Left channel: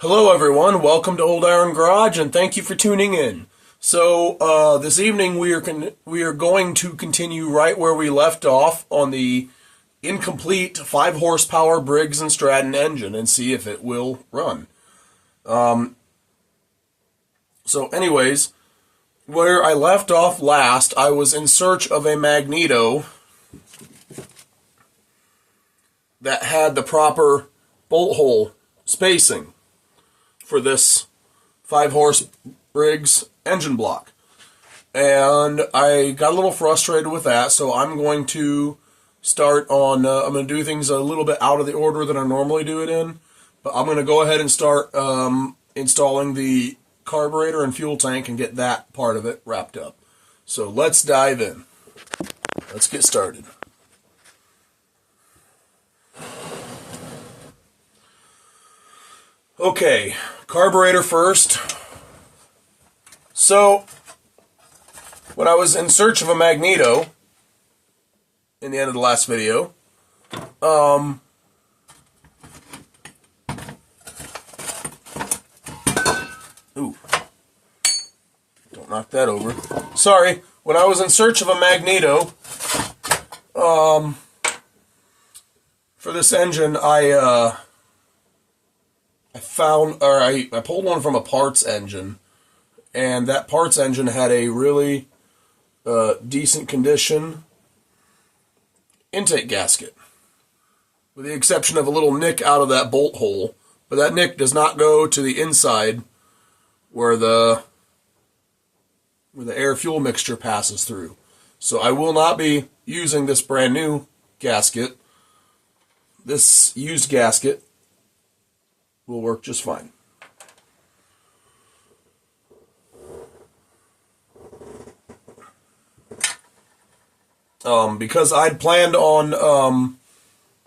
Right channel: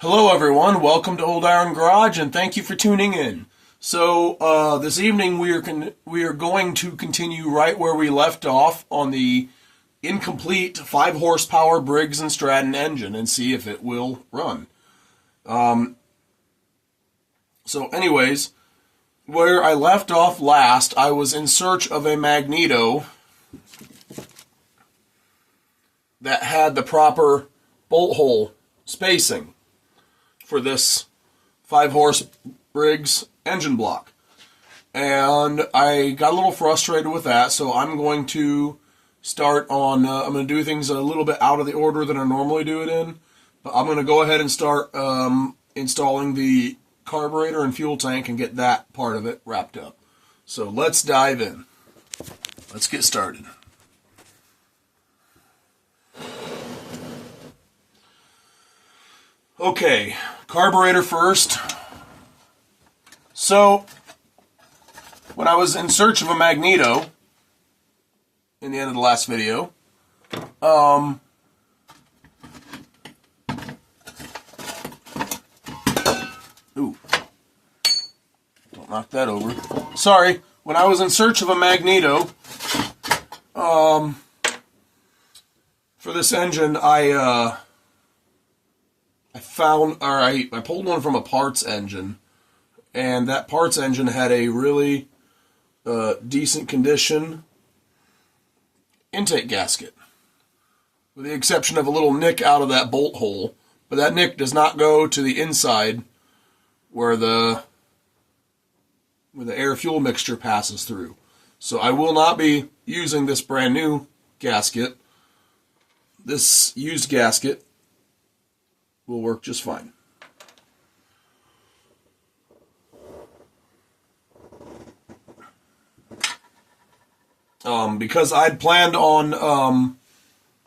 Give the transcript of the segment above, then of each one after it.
Hello everyone, welcome to Old Iron Garage and thank you for tuning in. So this evening we are going to continue right where we left off on the incomplete 5 horsepower Briggs and Stratton engine and see if it will run. So anyways, where I left off last, I was in search of a magneto that had the proper bolt hole spacing for this 5 horse Briggs engine block. And I got a little frustrated with that, so I'm going to start on, I'm going to do things a little bit out of the order that I normally do it in, but I'm going to go ahead and start installing the carburetor and fuel tank and get that part of it wrapped up. So let's dive in. Let's get started. Okay, carburetor first. So, when I was in search of a magneto, in the end of the last video, ooh, don't knock that over. Sorry, when I was in search of a magneto, for this engine, I pulled one from a parts engine, and that parts engine had a really decent condition intake gasket, with the exception of a little nick out of that bolt hole. But that nick does not go to the inside where the air-fuel mixture passes through. So I will not be using this brand new gasket. This used gasket will work just fine. Because I'd planned on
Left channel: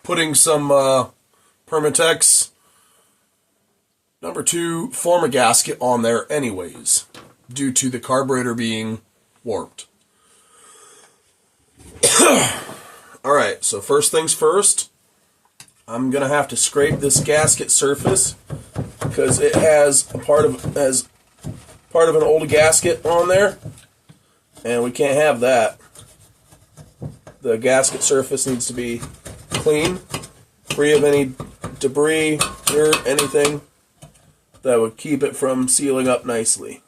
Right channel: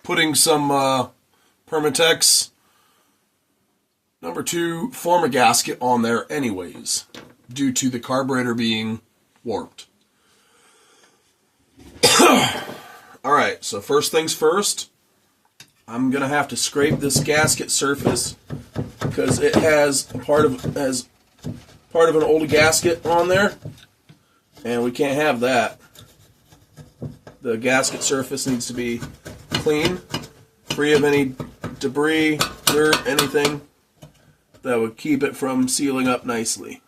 putting some Permatex #2 Forma gasket on there anyways, due to the carburetor being warped. Alright, so first things first, I'm going to have to scrape this gasket surface because it has part of an old gasket on there, and we can't have that. The gasket surface needs to be clean, free of any debris, dirt, anything that would keep it from sealing up nicely.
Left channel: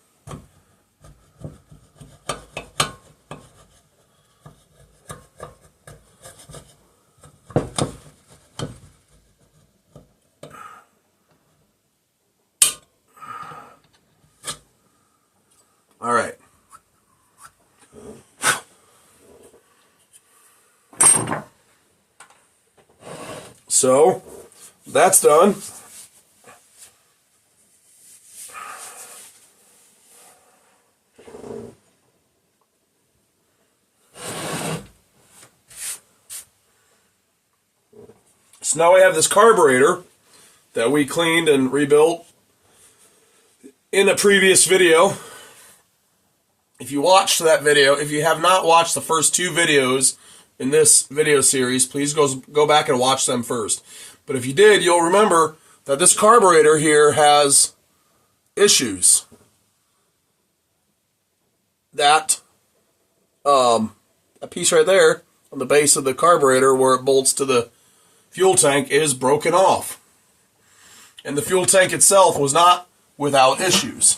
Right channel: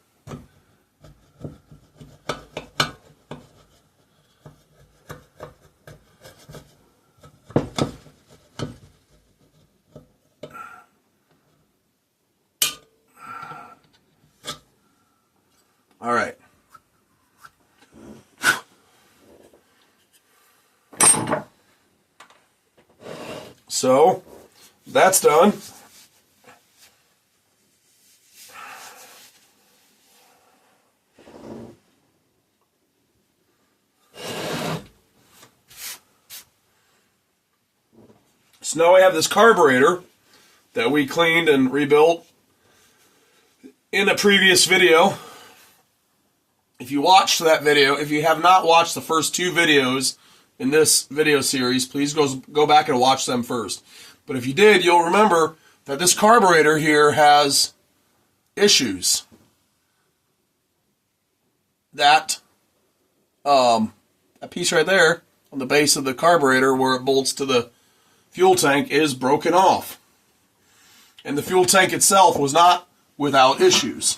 All right. So, that's done. So now we have this carburetor that we cleaned and rebuilt in a previous video. If you watched that video, if you have not watched the first 2 videos in this video series, please go back and watch them first. But if you did, you'll remember that this carburetor here has issues. That a piece right there on the base of the carburetor where it bolts to the fuel tank is broken off. And the fuel tank itself was not without issues.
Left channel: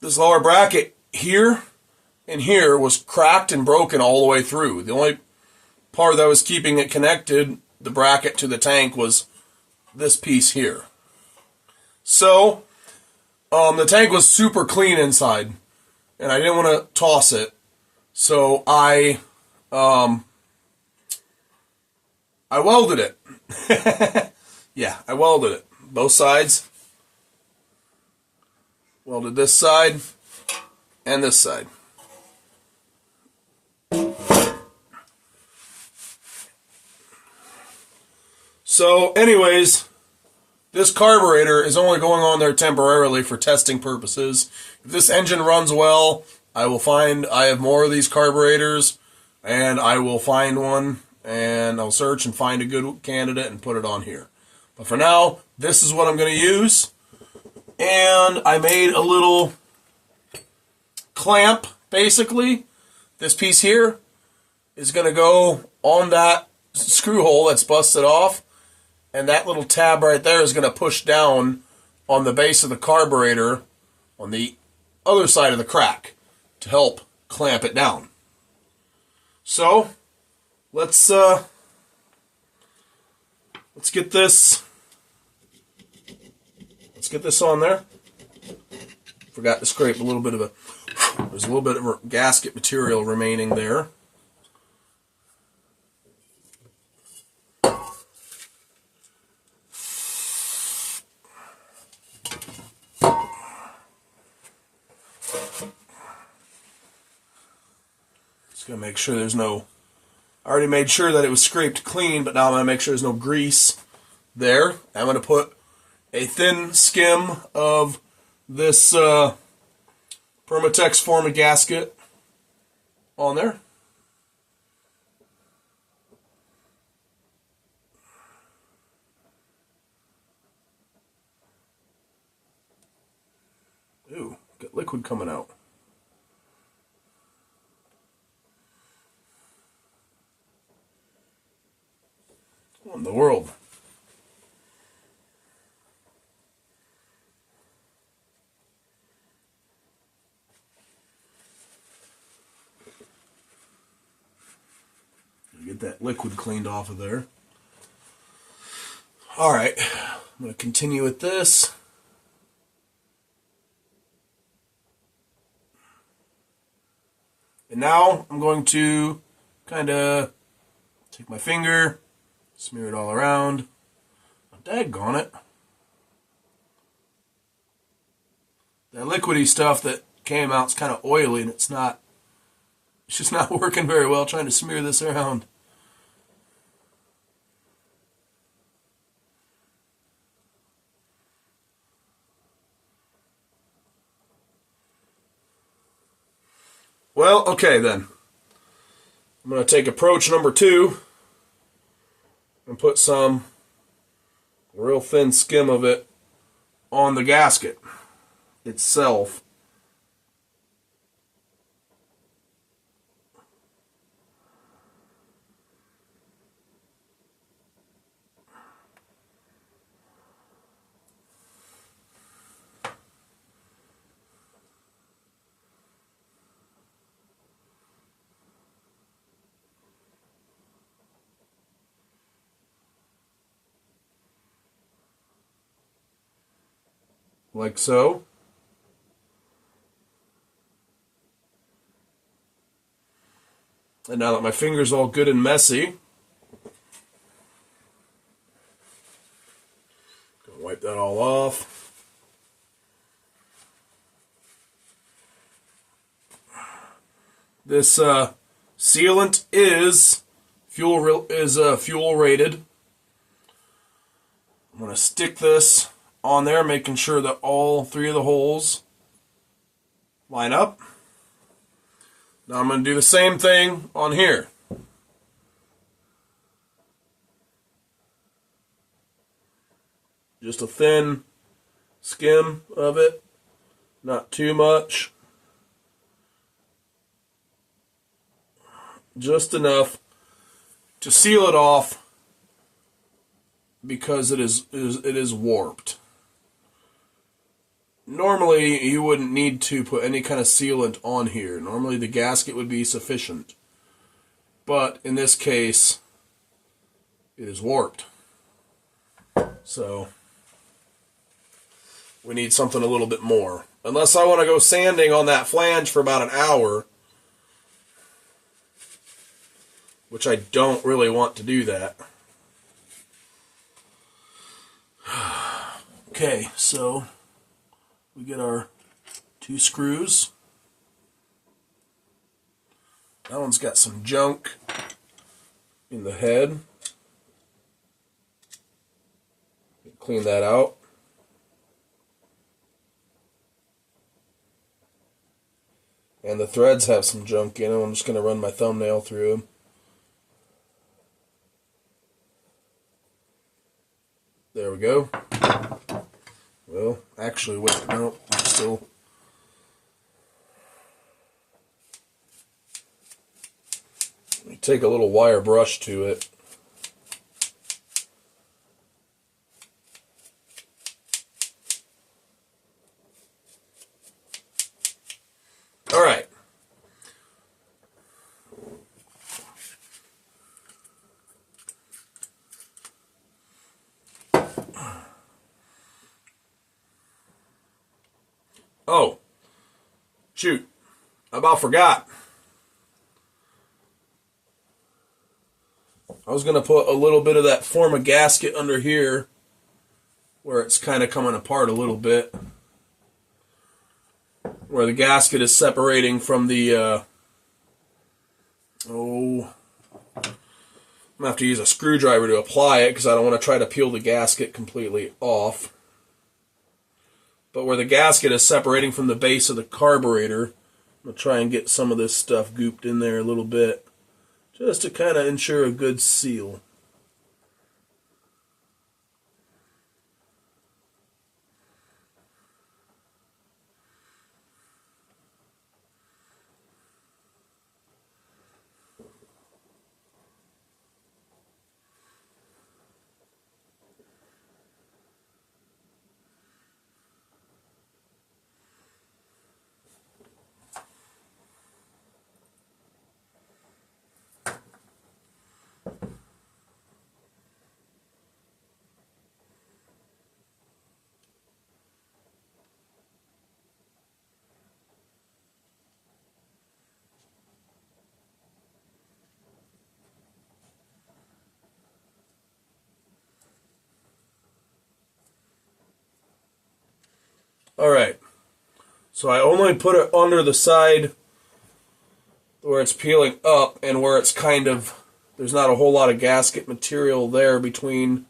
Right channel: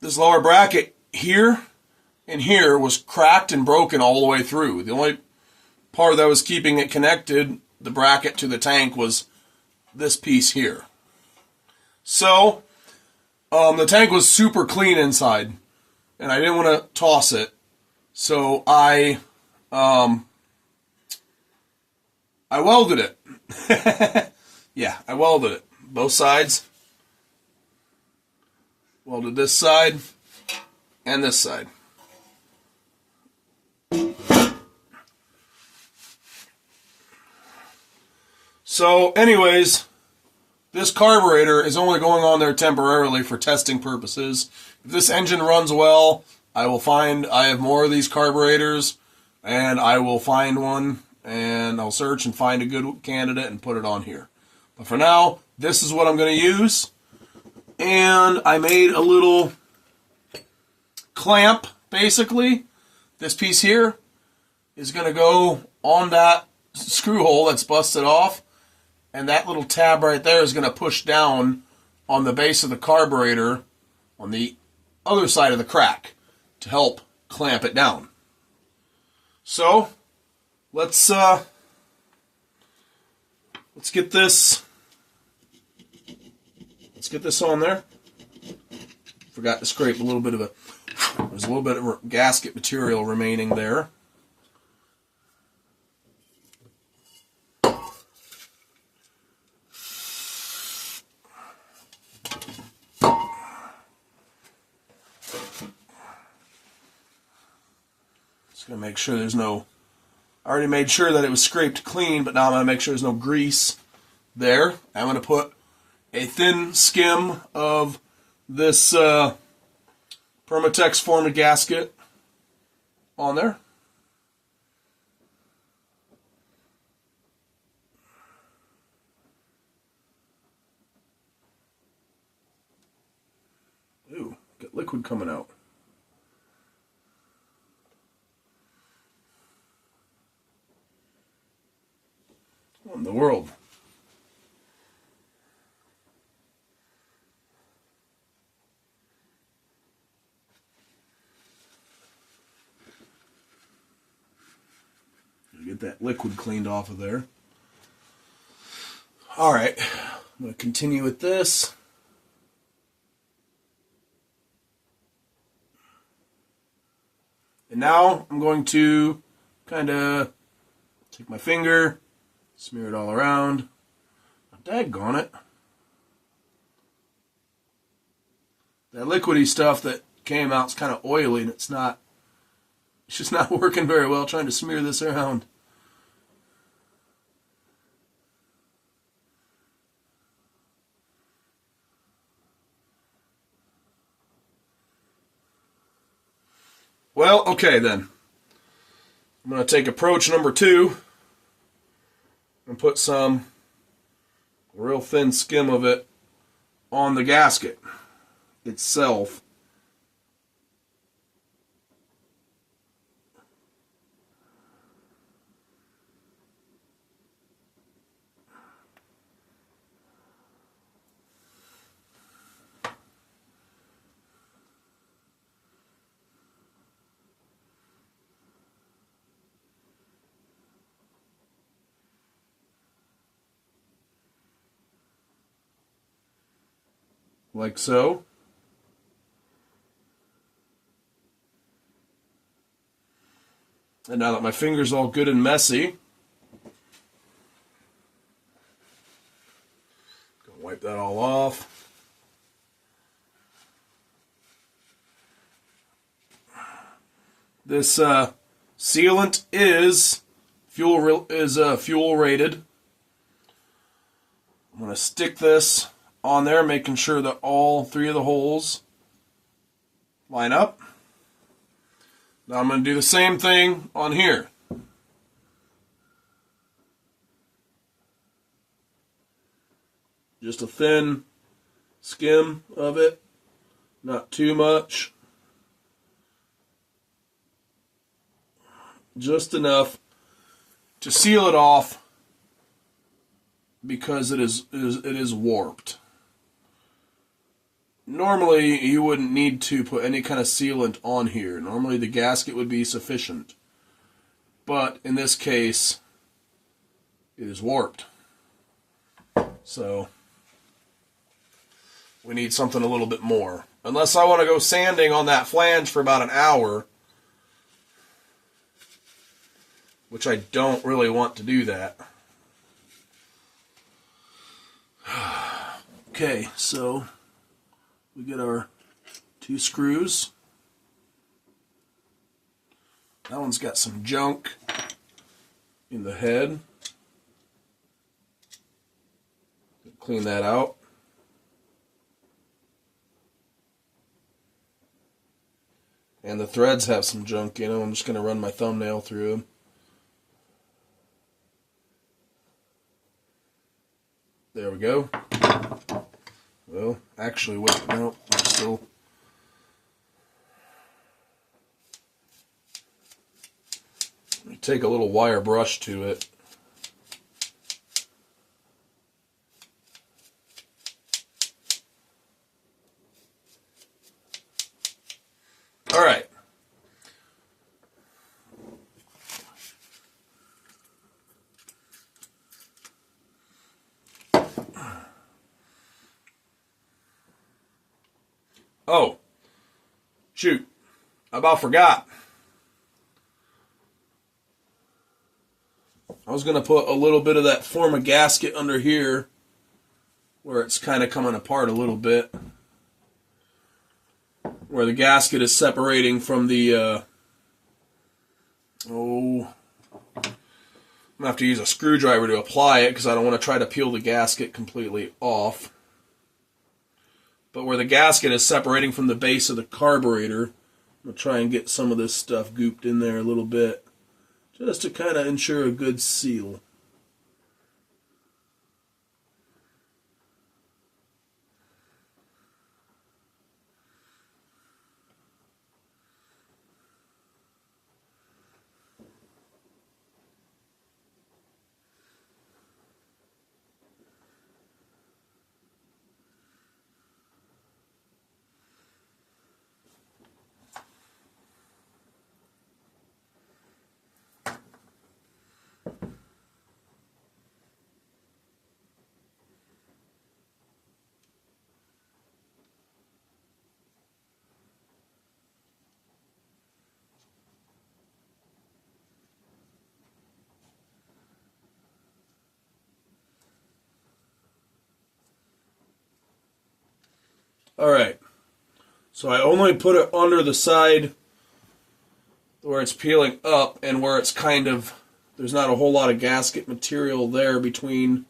This lower bracket here and here was cracked and broken all the way through. The only part that was keeping it connected, the bracket to the tank, was this piece here. So, the tank was super clean inside, and I didn't want to toss it. So I welded it. Yeah, I welded it. Both sides. Welded this side and this side. So anyways, this carburetor is only going on there temporarily for testing purposes. If this engine runs well, I have more of these carburetors, and I will find one and I'll search and find a good candidate and put it on here. But for now, this is what I'm going to use. And I made a little clamp, basically. This piece here is going to go on that screw hole that's busted off. And that little tab right there is going to push down on the base of the carburetor on the other side of the crack to help clamp it down. So, let's get this on there. Forgot to scrape a little bit of there's a little bit of gasket material remaining there. Just gonna make sure there's no, I already made sure that it was scraped clean, but now I'm gonna make sure there's no grease there. I'm gonna put a thin skim of this Permatex Forma gasket on there. Ooh, got liquid coming out. What in the world? Get that liquid cleaned off of there. Alright, I'm going to continue with this. And now I'm going to kind of take my finger, smear it all around. Oh, daggone it. That liquidy stuff that came out is kind of oily and it's just not working very well trying to smear this around. Well, okay then. I'm going to take approach number 2 and put some real thin skim of it on the gasket itself. Like so. And now that my finger's all good and messy, gonna wipe that all off. This sealant is fuel rated. I'm gonna stick this on there, making sure that all 3 of the holes line up. Now I'm going to do the same thing on here. Just a thin skim of it, not too much. Just enough to seal it off because it is warped. Normally, you wouldn't need to put any kind of sealant on here. Normally, the gasket would be sufficient. But in this case, it is warped. So, we need something a little bit more. Unless I want to go sanding on that flange for about an hour, which I don't really want to do that. Okay, so we get our 2 screws. That one's got some junk in the head. Clean that out. And the threads have some junk in them. I'm just going to run my thumbnail through them. There we go. Well, actually, wait, no, I'm still... Let me take a little wire brush to it. All right. Oh, shoot. I about forgot. I was going to put a little bit of that form a gasket under here where it's kind of coming apart a little bit. Where the gasket is separating from the, I'm going to have to use a screwdriver to apply it because I don't want to try to peel the gasket completely off. But where the gasket is separating from the base of the carburetor, I'm going to try and get some of this stuff gooped in there a little bit, just to kind of ensure a good seal. Alright, so I only put it under the side where it's peeling up and where it's kind of, there's not a whole lot of gasket material there between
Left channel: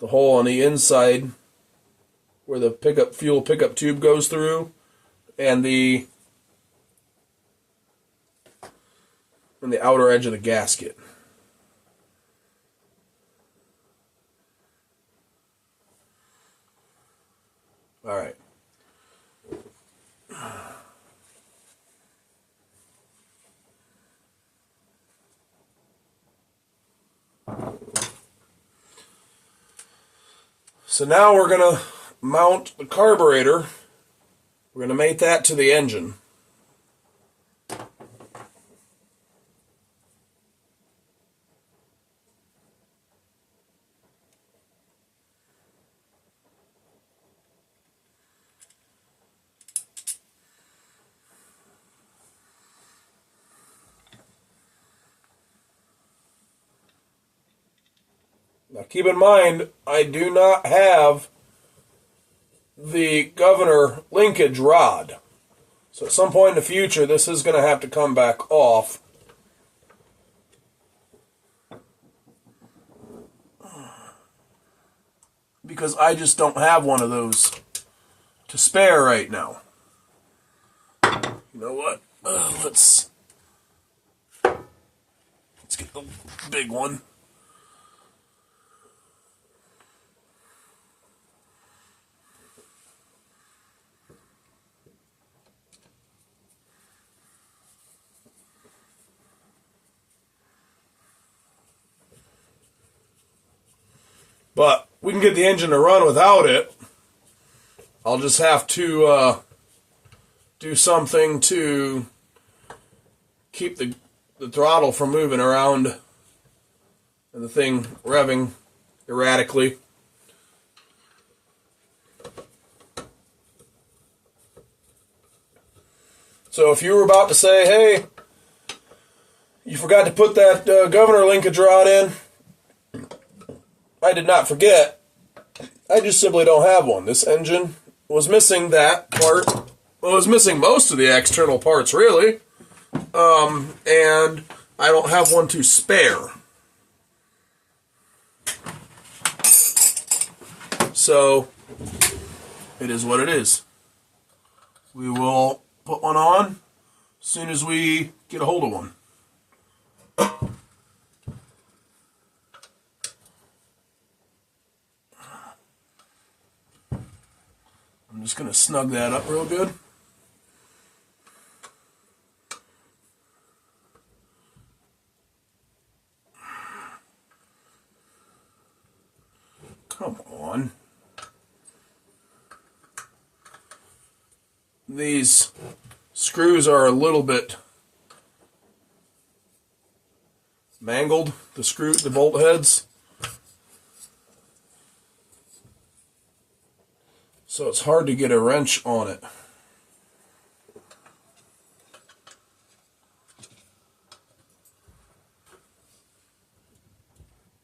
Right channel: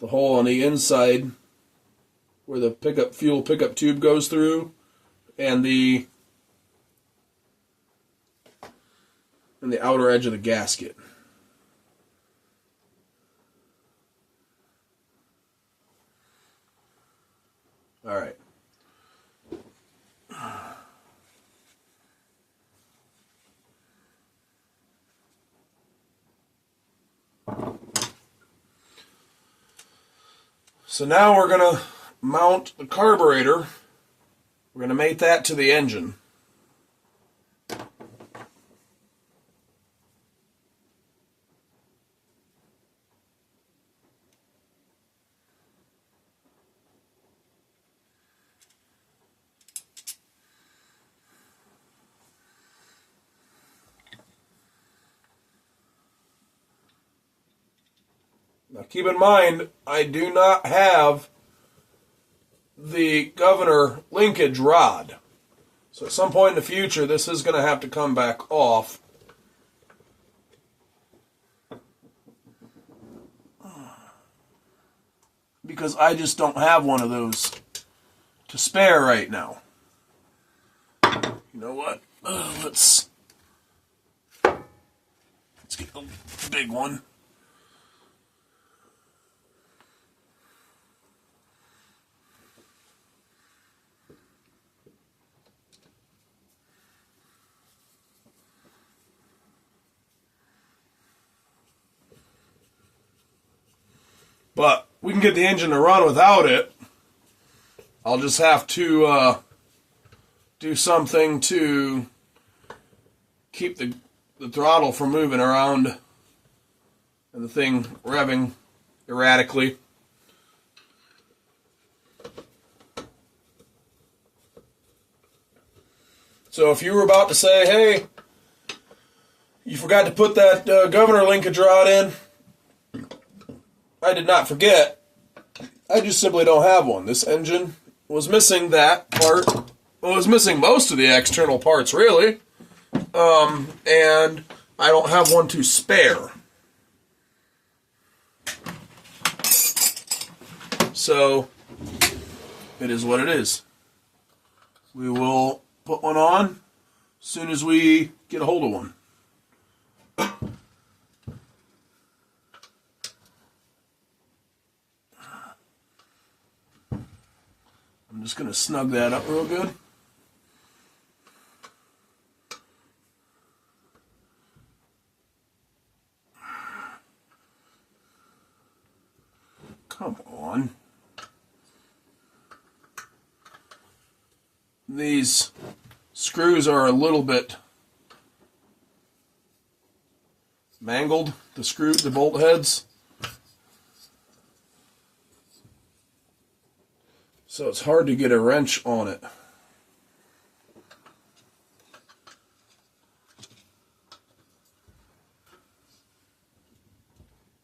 the hole on the inside where the fuel pickup tube goes through and the outer edge of the gasket. Alright. So now we're going to mount the carburetor. We're going to mate that to the engine. Now keep in mind, I do not have the governor linkage rod. So at some point in the future, this is going to have to come back off. Because I just don't have one of those to spare right now. You know what? Let's get the big one. But we can get the engine to run without it. I'll just have to do something to keep the throttle from moving around and the thing revving erratically. So if you were about to say, hey, you forgot to put that governor linkage rod in, I did not forget. I just simply don't have one. This engine was missing that part. Well, it was missing most of the external parts, really. And I don't have one to spare. So, it is what it is. We will put one on as soon as we get a hold of one. just going to snug that up real good. Come on. These screws are a little bit mangled, the bolt heads. So it's hard to get a wrench on it.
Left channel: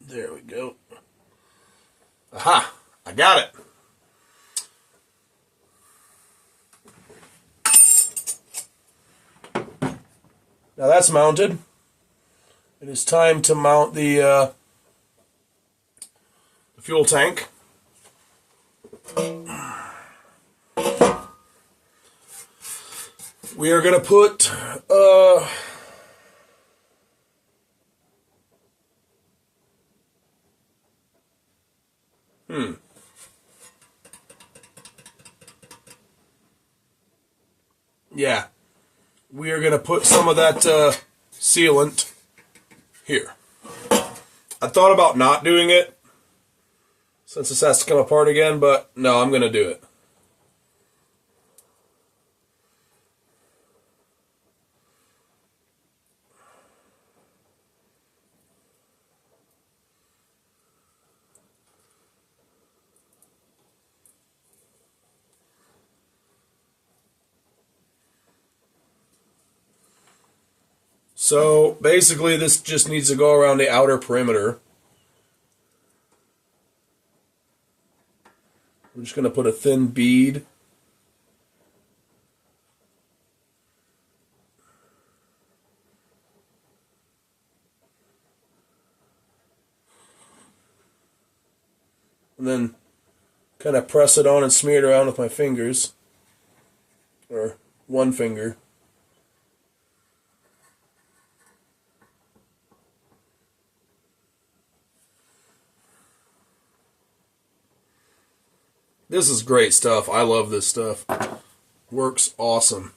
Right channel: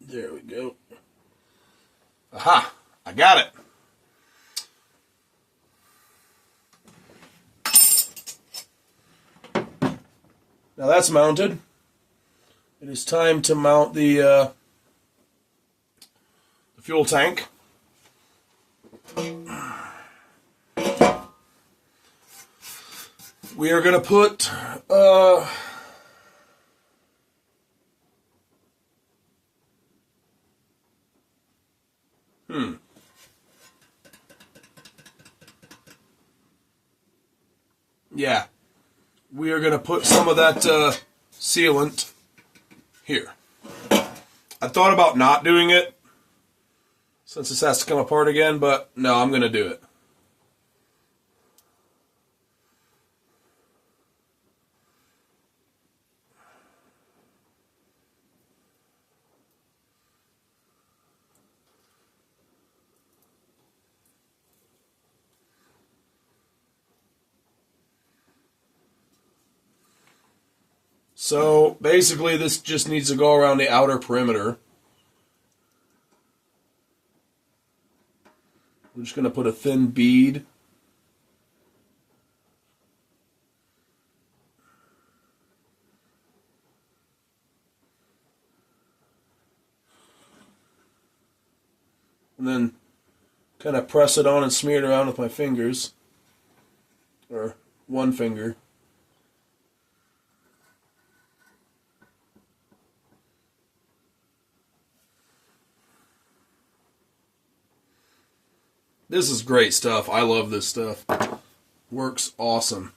There we go. Aha! I got it. Now that's mounted. It is time to mount the fuel tank. We are going to put yeah, we are going to put some of that sealant here. I thought about not doing it since this has to come apart again, but no, I'm going to do it. So basically this just needs to go around the outer perimeter. We're just going to put a thin bead. And then kind of press it on and smear it around with my fingers. Or one finger. This is great stuff. I love this stuff. Works awesome.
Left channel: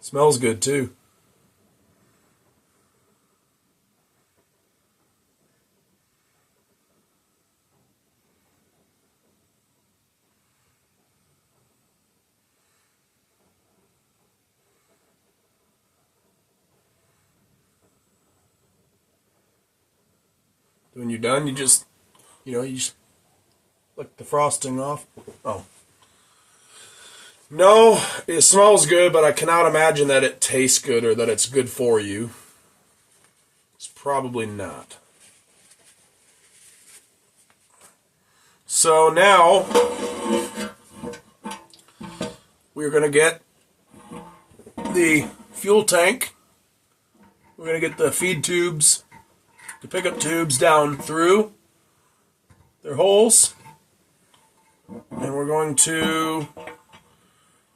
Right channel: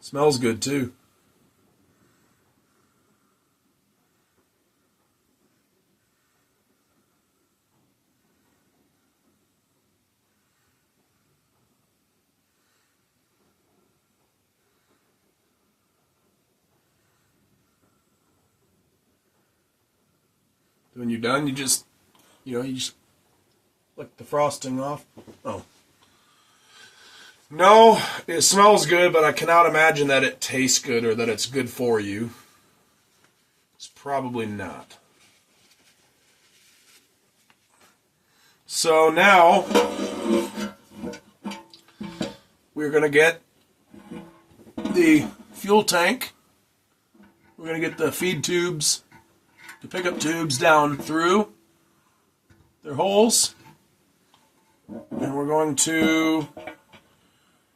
Smells good too. When you're done, you just lick the frosting off. Oh. No, it smells good, but I cannot imagine that it tastes good or that it's good for you. It's probably not. So now, we're going to get the fuel tank. We're going to get the feed tubes, the pickup tubes down through their holes. And we're going to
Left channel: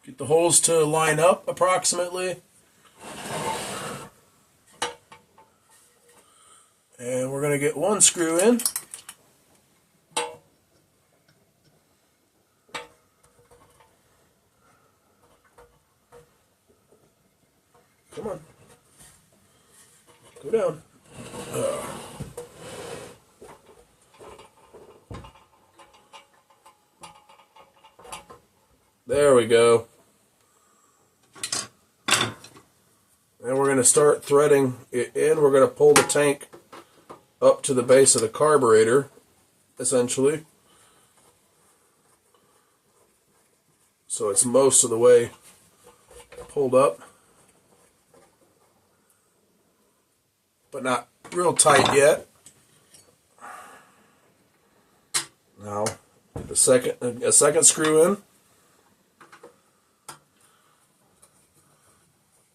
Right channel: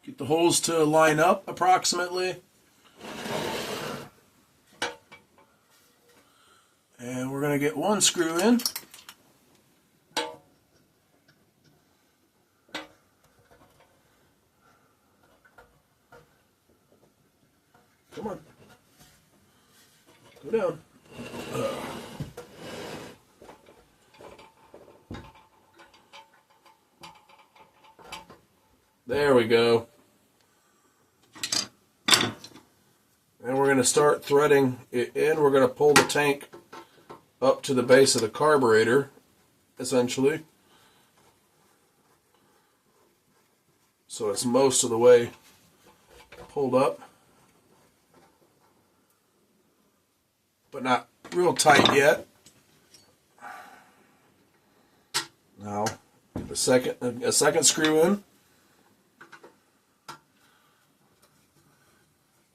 get the holes to line up approximately. And we're going to get one screw in. Come on. Go down. There we go. And we're going to start threading it in. We're going to pull the tank up to the base of the carburetor, essentially. So it's most of the way pulled up. But not real tight yet. Now, a second screw in.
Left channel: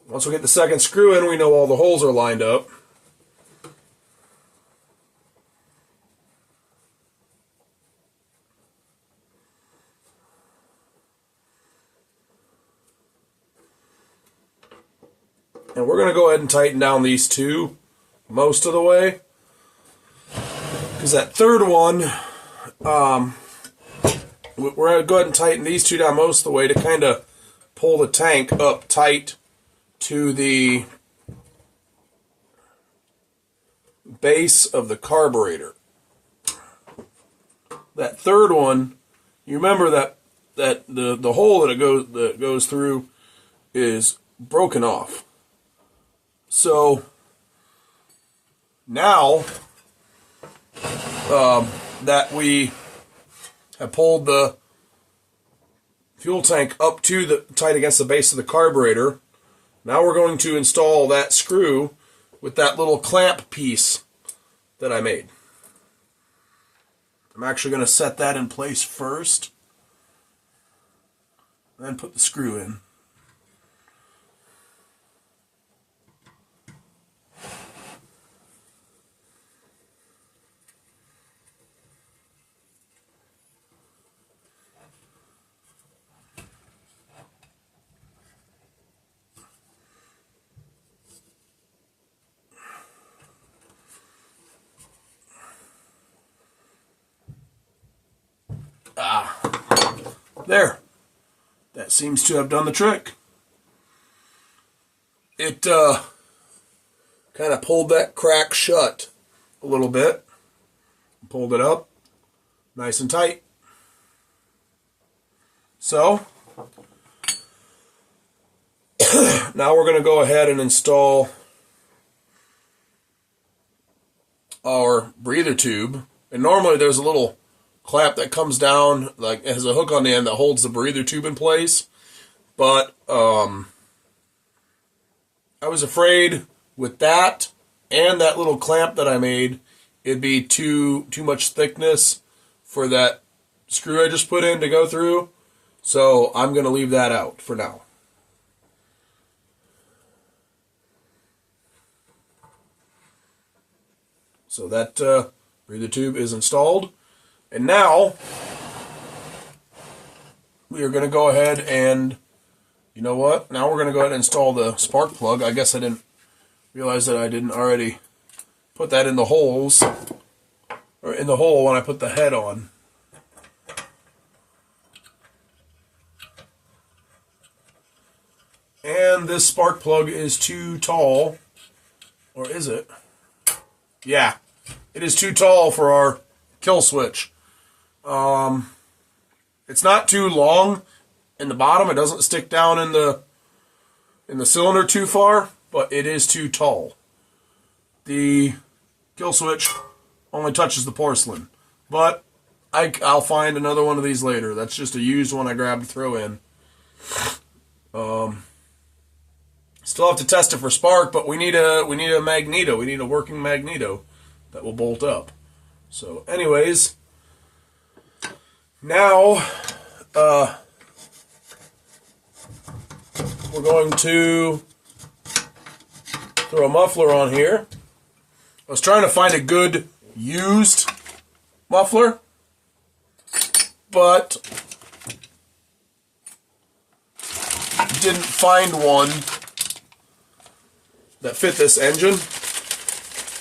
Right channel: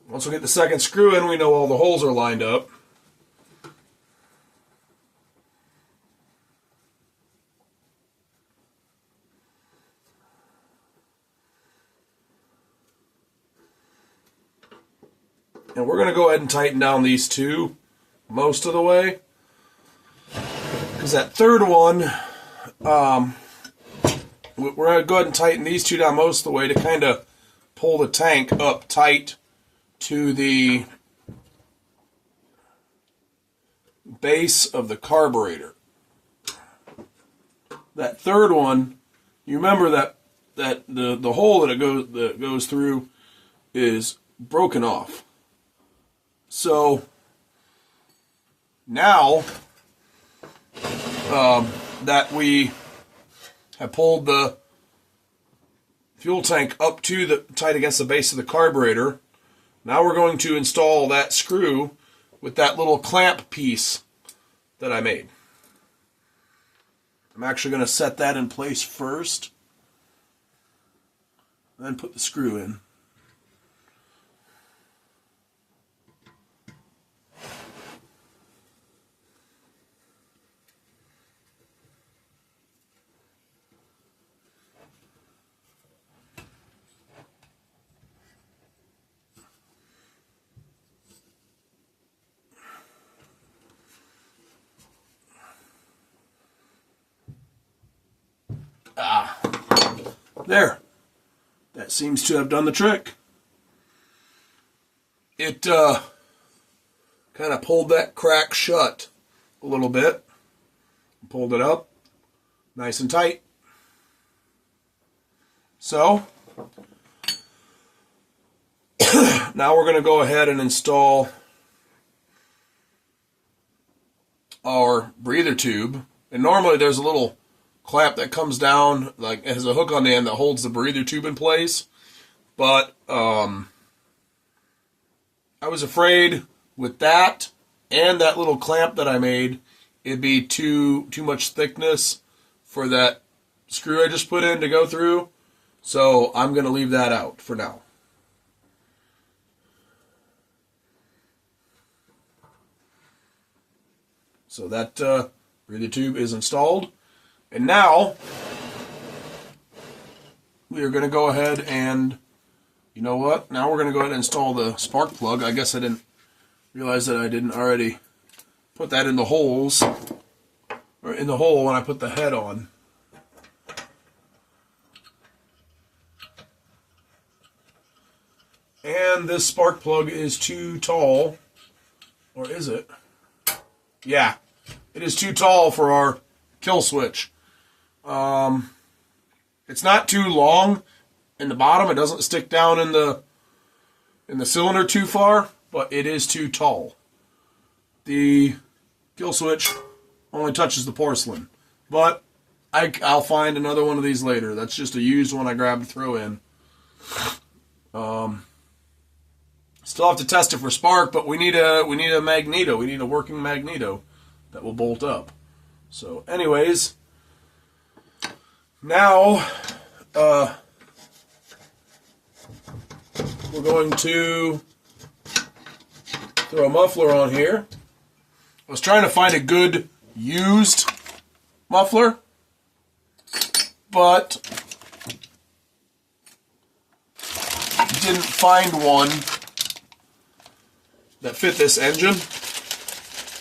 Once we get the second screw in, we know all the holes are lined up. And we're going to go ahead and tighten down these two most of the way. Because that third one, we're going to go ahead and tighten these two down most of the way to kind of pull the tank up tight to the base of the carburetor. That third one, you remember that the hole that it goes through is broken off. So now that we have pulled the fuel tank up to the tight against the base of the carburetor, now we're going to install that screw with that little clamp piece that I made. I'm actually going to set that in place first, then put the screw in. There. That seems to have done the trick. It kind of pulled that crack shut a little bit. Pulled it up nice and tight. So now we're going to go ahead and install our breather tube. And normally there's a little clamp that comes down, like has a hook on the end that holds the breather tube in place. But I was afraid with that and that little clamp that I made, it'd be too much thickness for that screw I just put in to go through. So I'm going to leave that out for now. So that breather tube is installed. And now we are going to go ahead and, you know what? Now we're going to go ahead and install the spark plug. I guess I didn't realize that I didn't already put that in the holes, or in the hole when I put the head on. And this spark plug is too tall, or is it? Yeah, it is too tall for our kill switch. It's not too long in the bottom. It doesn't stick down in the cylinder too far, but it is too tall. The kill switch only touches the porcelain, but I'll find another one of these later. That's just a used one I grabbed to throw in. Still have to test it for spark, but we need a magneto. We need a working magneto that will bolt up. So, anyways, now we're going to throw a muffler on here. I was trying to find a good used muffler, but didn't find one that fit this engine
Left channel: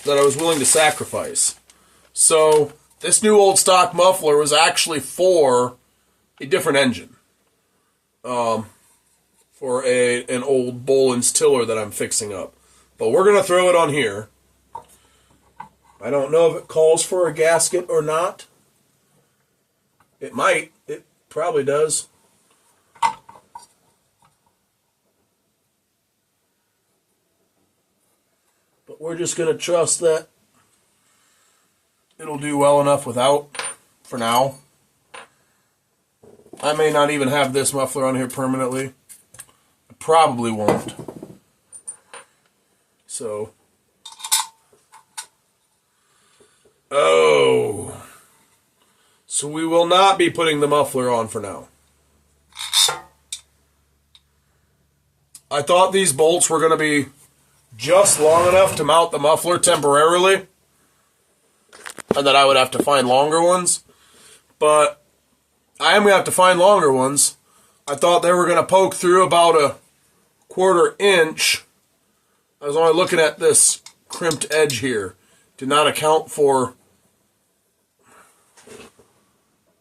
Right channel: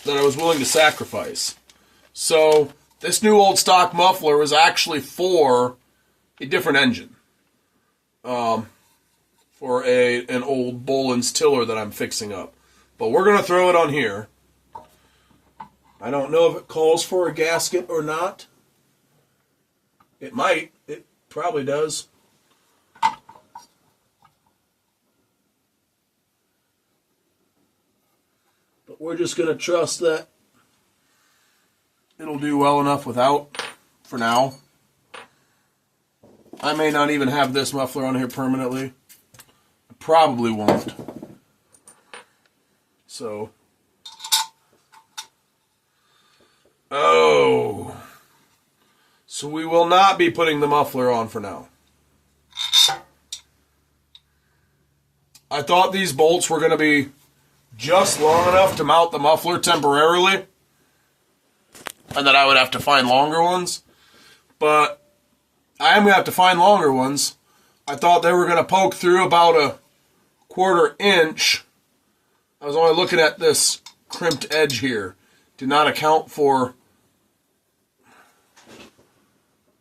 that I was willing to sacrifice. So this new old stock muffler was actually for a different engine. For an old Boland's tiller that I'm fixing up. But we're going to throw it on here. I don't know if it calls for a gasket or not. It might. It probably does. But we're just going to trust that it'll do well enough without for now. I may not even have this muffler on here permanently. I probably won't. So, so we will not be putting the muffler on for now. I thought these bolts were going to be just long enough to mount the muffler temporarily, and that I would have to find longer ones. But I am going to have to find longer ones. I thought they were going to poke through about a 1/4 inch I was only looking at this crimped edge here. Did not account for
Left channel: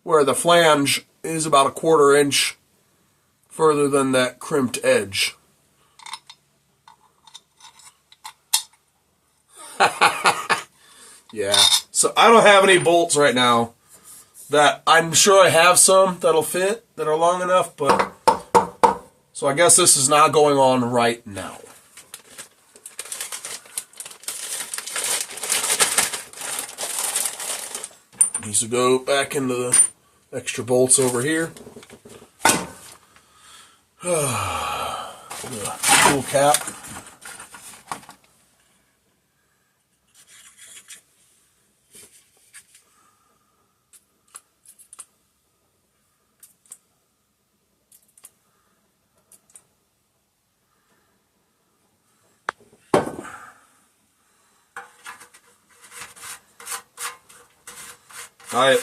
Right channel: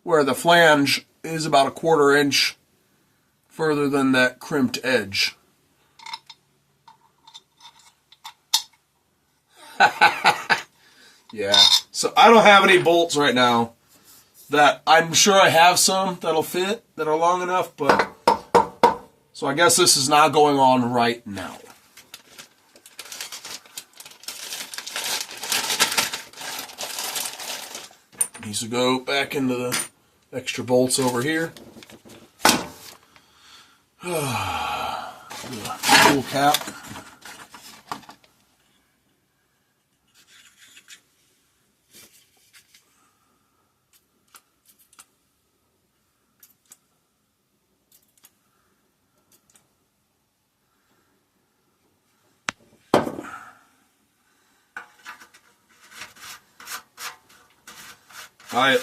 where the flange is about a 1/4 inch further than that crimped edge. Yeah, so I don't have any bolts right now. That I'm sure I have some that'll fit, that are long enough, but so I guess this is not going on right now. Needs to go back into the extra bolts over here. Tool cap.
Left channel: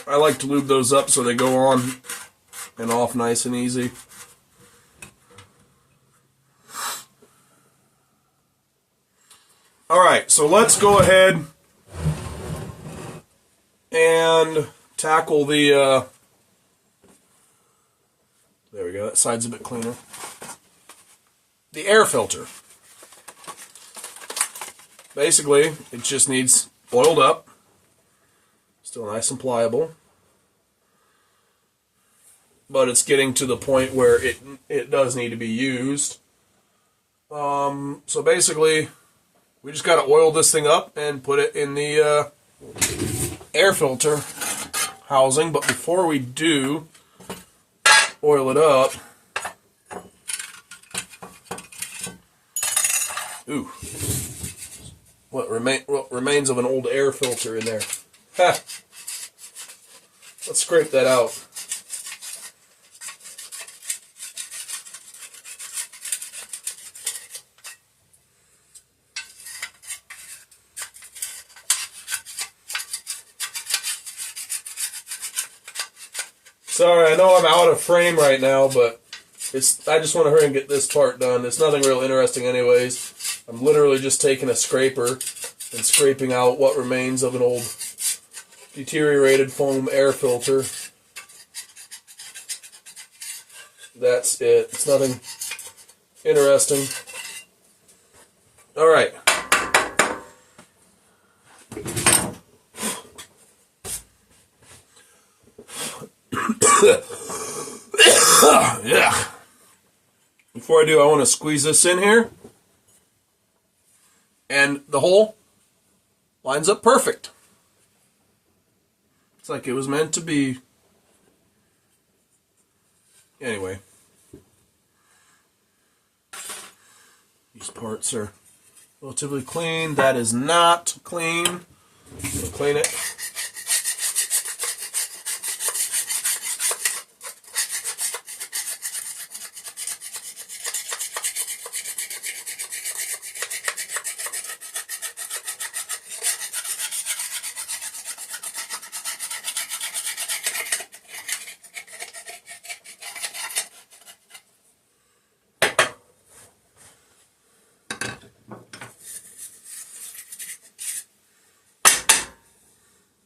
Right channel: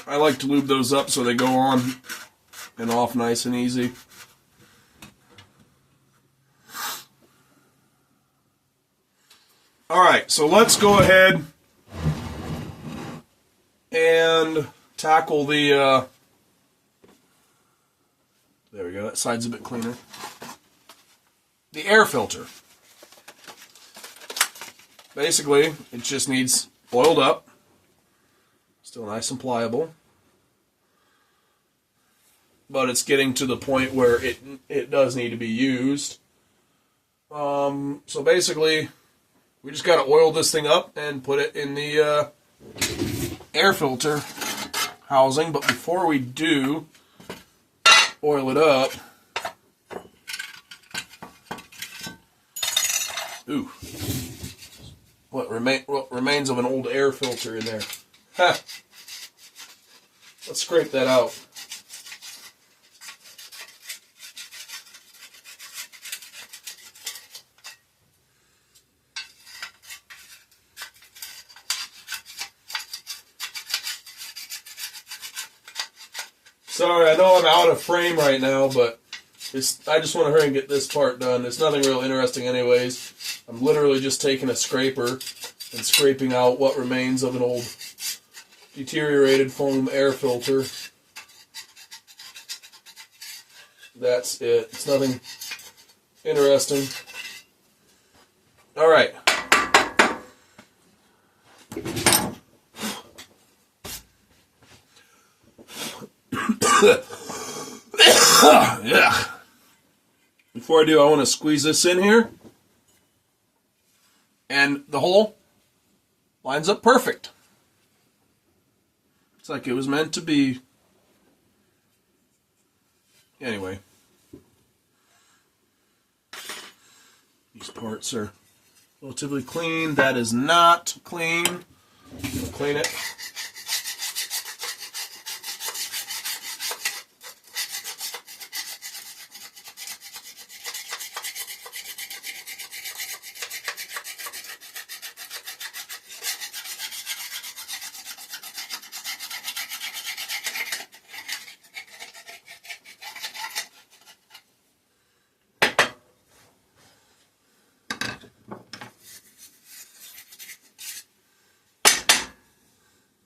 I like to lube those up so they go on and off nice and easy. Alright, so let's go ahead and tackle the, there we go, that side's a bit cleaner. The air filter. Basically, it just needs oiled up. Still nice and pliable. But it's getting to the point where it does need to be used. So basically, we just got to oil this thing up and put it in the air filter housing. But before we do oil it up, ooh, what remains of an old air filter in there. Ha! Let's scrape that out. Sorry, I know I'm out of frame right now, but I just want to hurry and get this part done. It's nothing real interesting anyways. I'm literally just taking a scraper and scraping out what remains of an old deteriorated foam air filter. That's it. It's nothing interesting. Alright. Yeah. Before I do, I want to squeeze this in here. And the hole lines up perfect. It's like it was meant to be. Anyway. These parts are relatively clean. That is not clean. We'll clean it.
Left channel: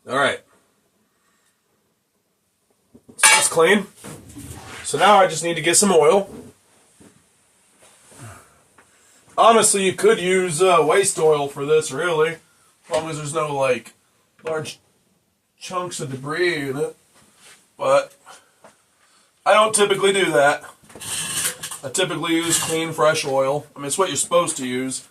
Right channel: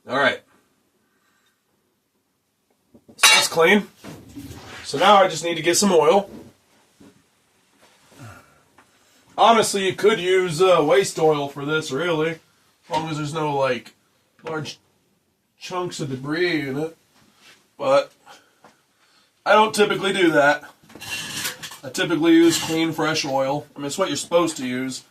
Alright. So that's clean. So now I just need to get some oil. Honestly, you could use waste oil for this, really. As long as there's no, like, large chunks of debris in it. But I don't typically do that. I typically use clean, fresh oil. I mean, it's what you're supposed to use.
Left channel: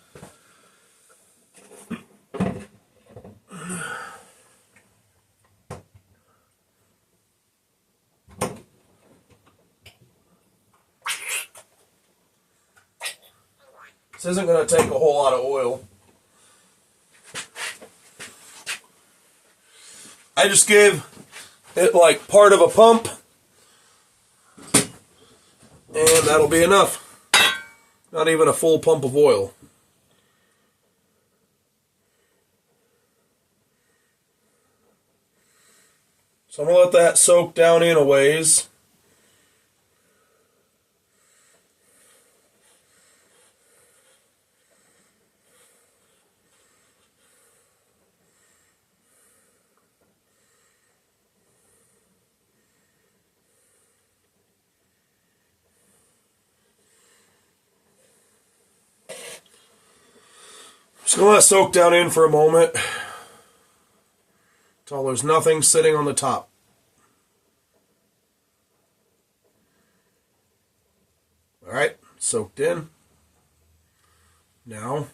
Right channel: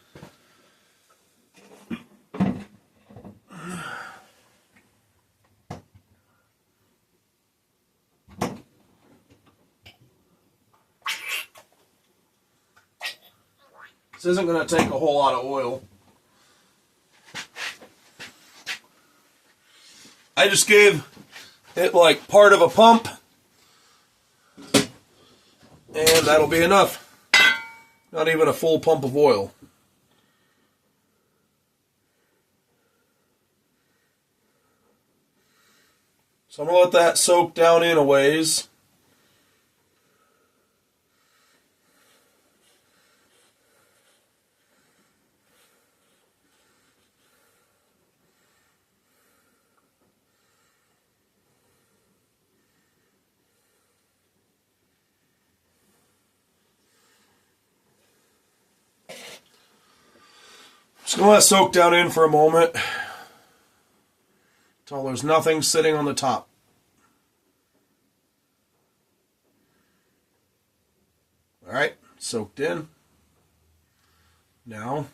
This isn't going to take a whole lot of oil. I just gave it like part of a pump, and that'll be enough. Not even a full pump of oil. So I'm going to let that soak down in a ways. Just going to let it soak down in for a moment until there's nothing sitting on the top. All right, soaked in. Now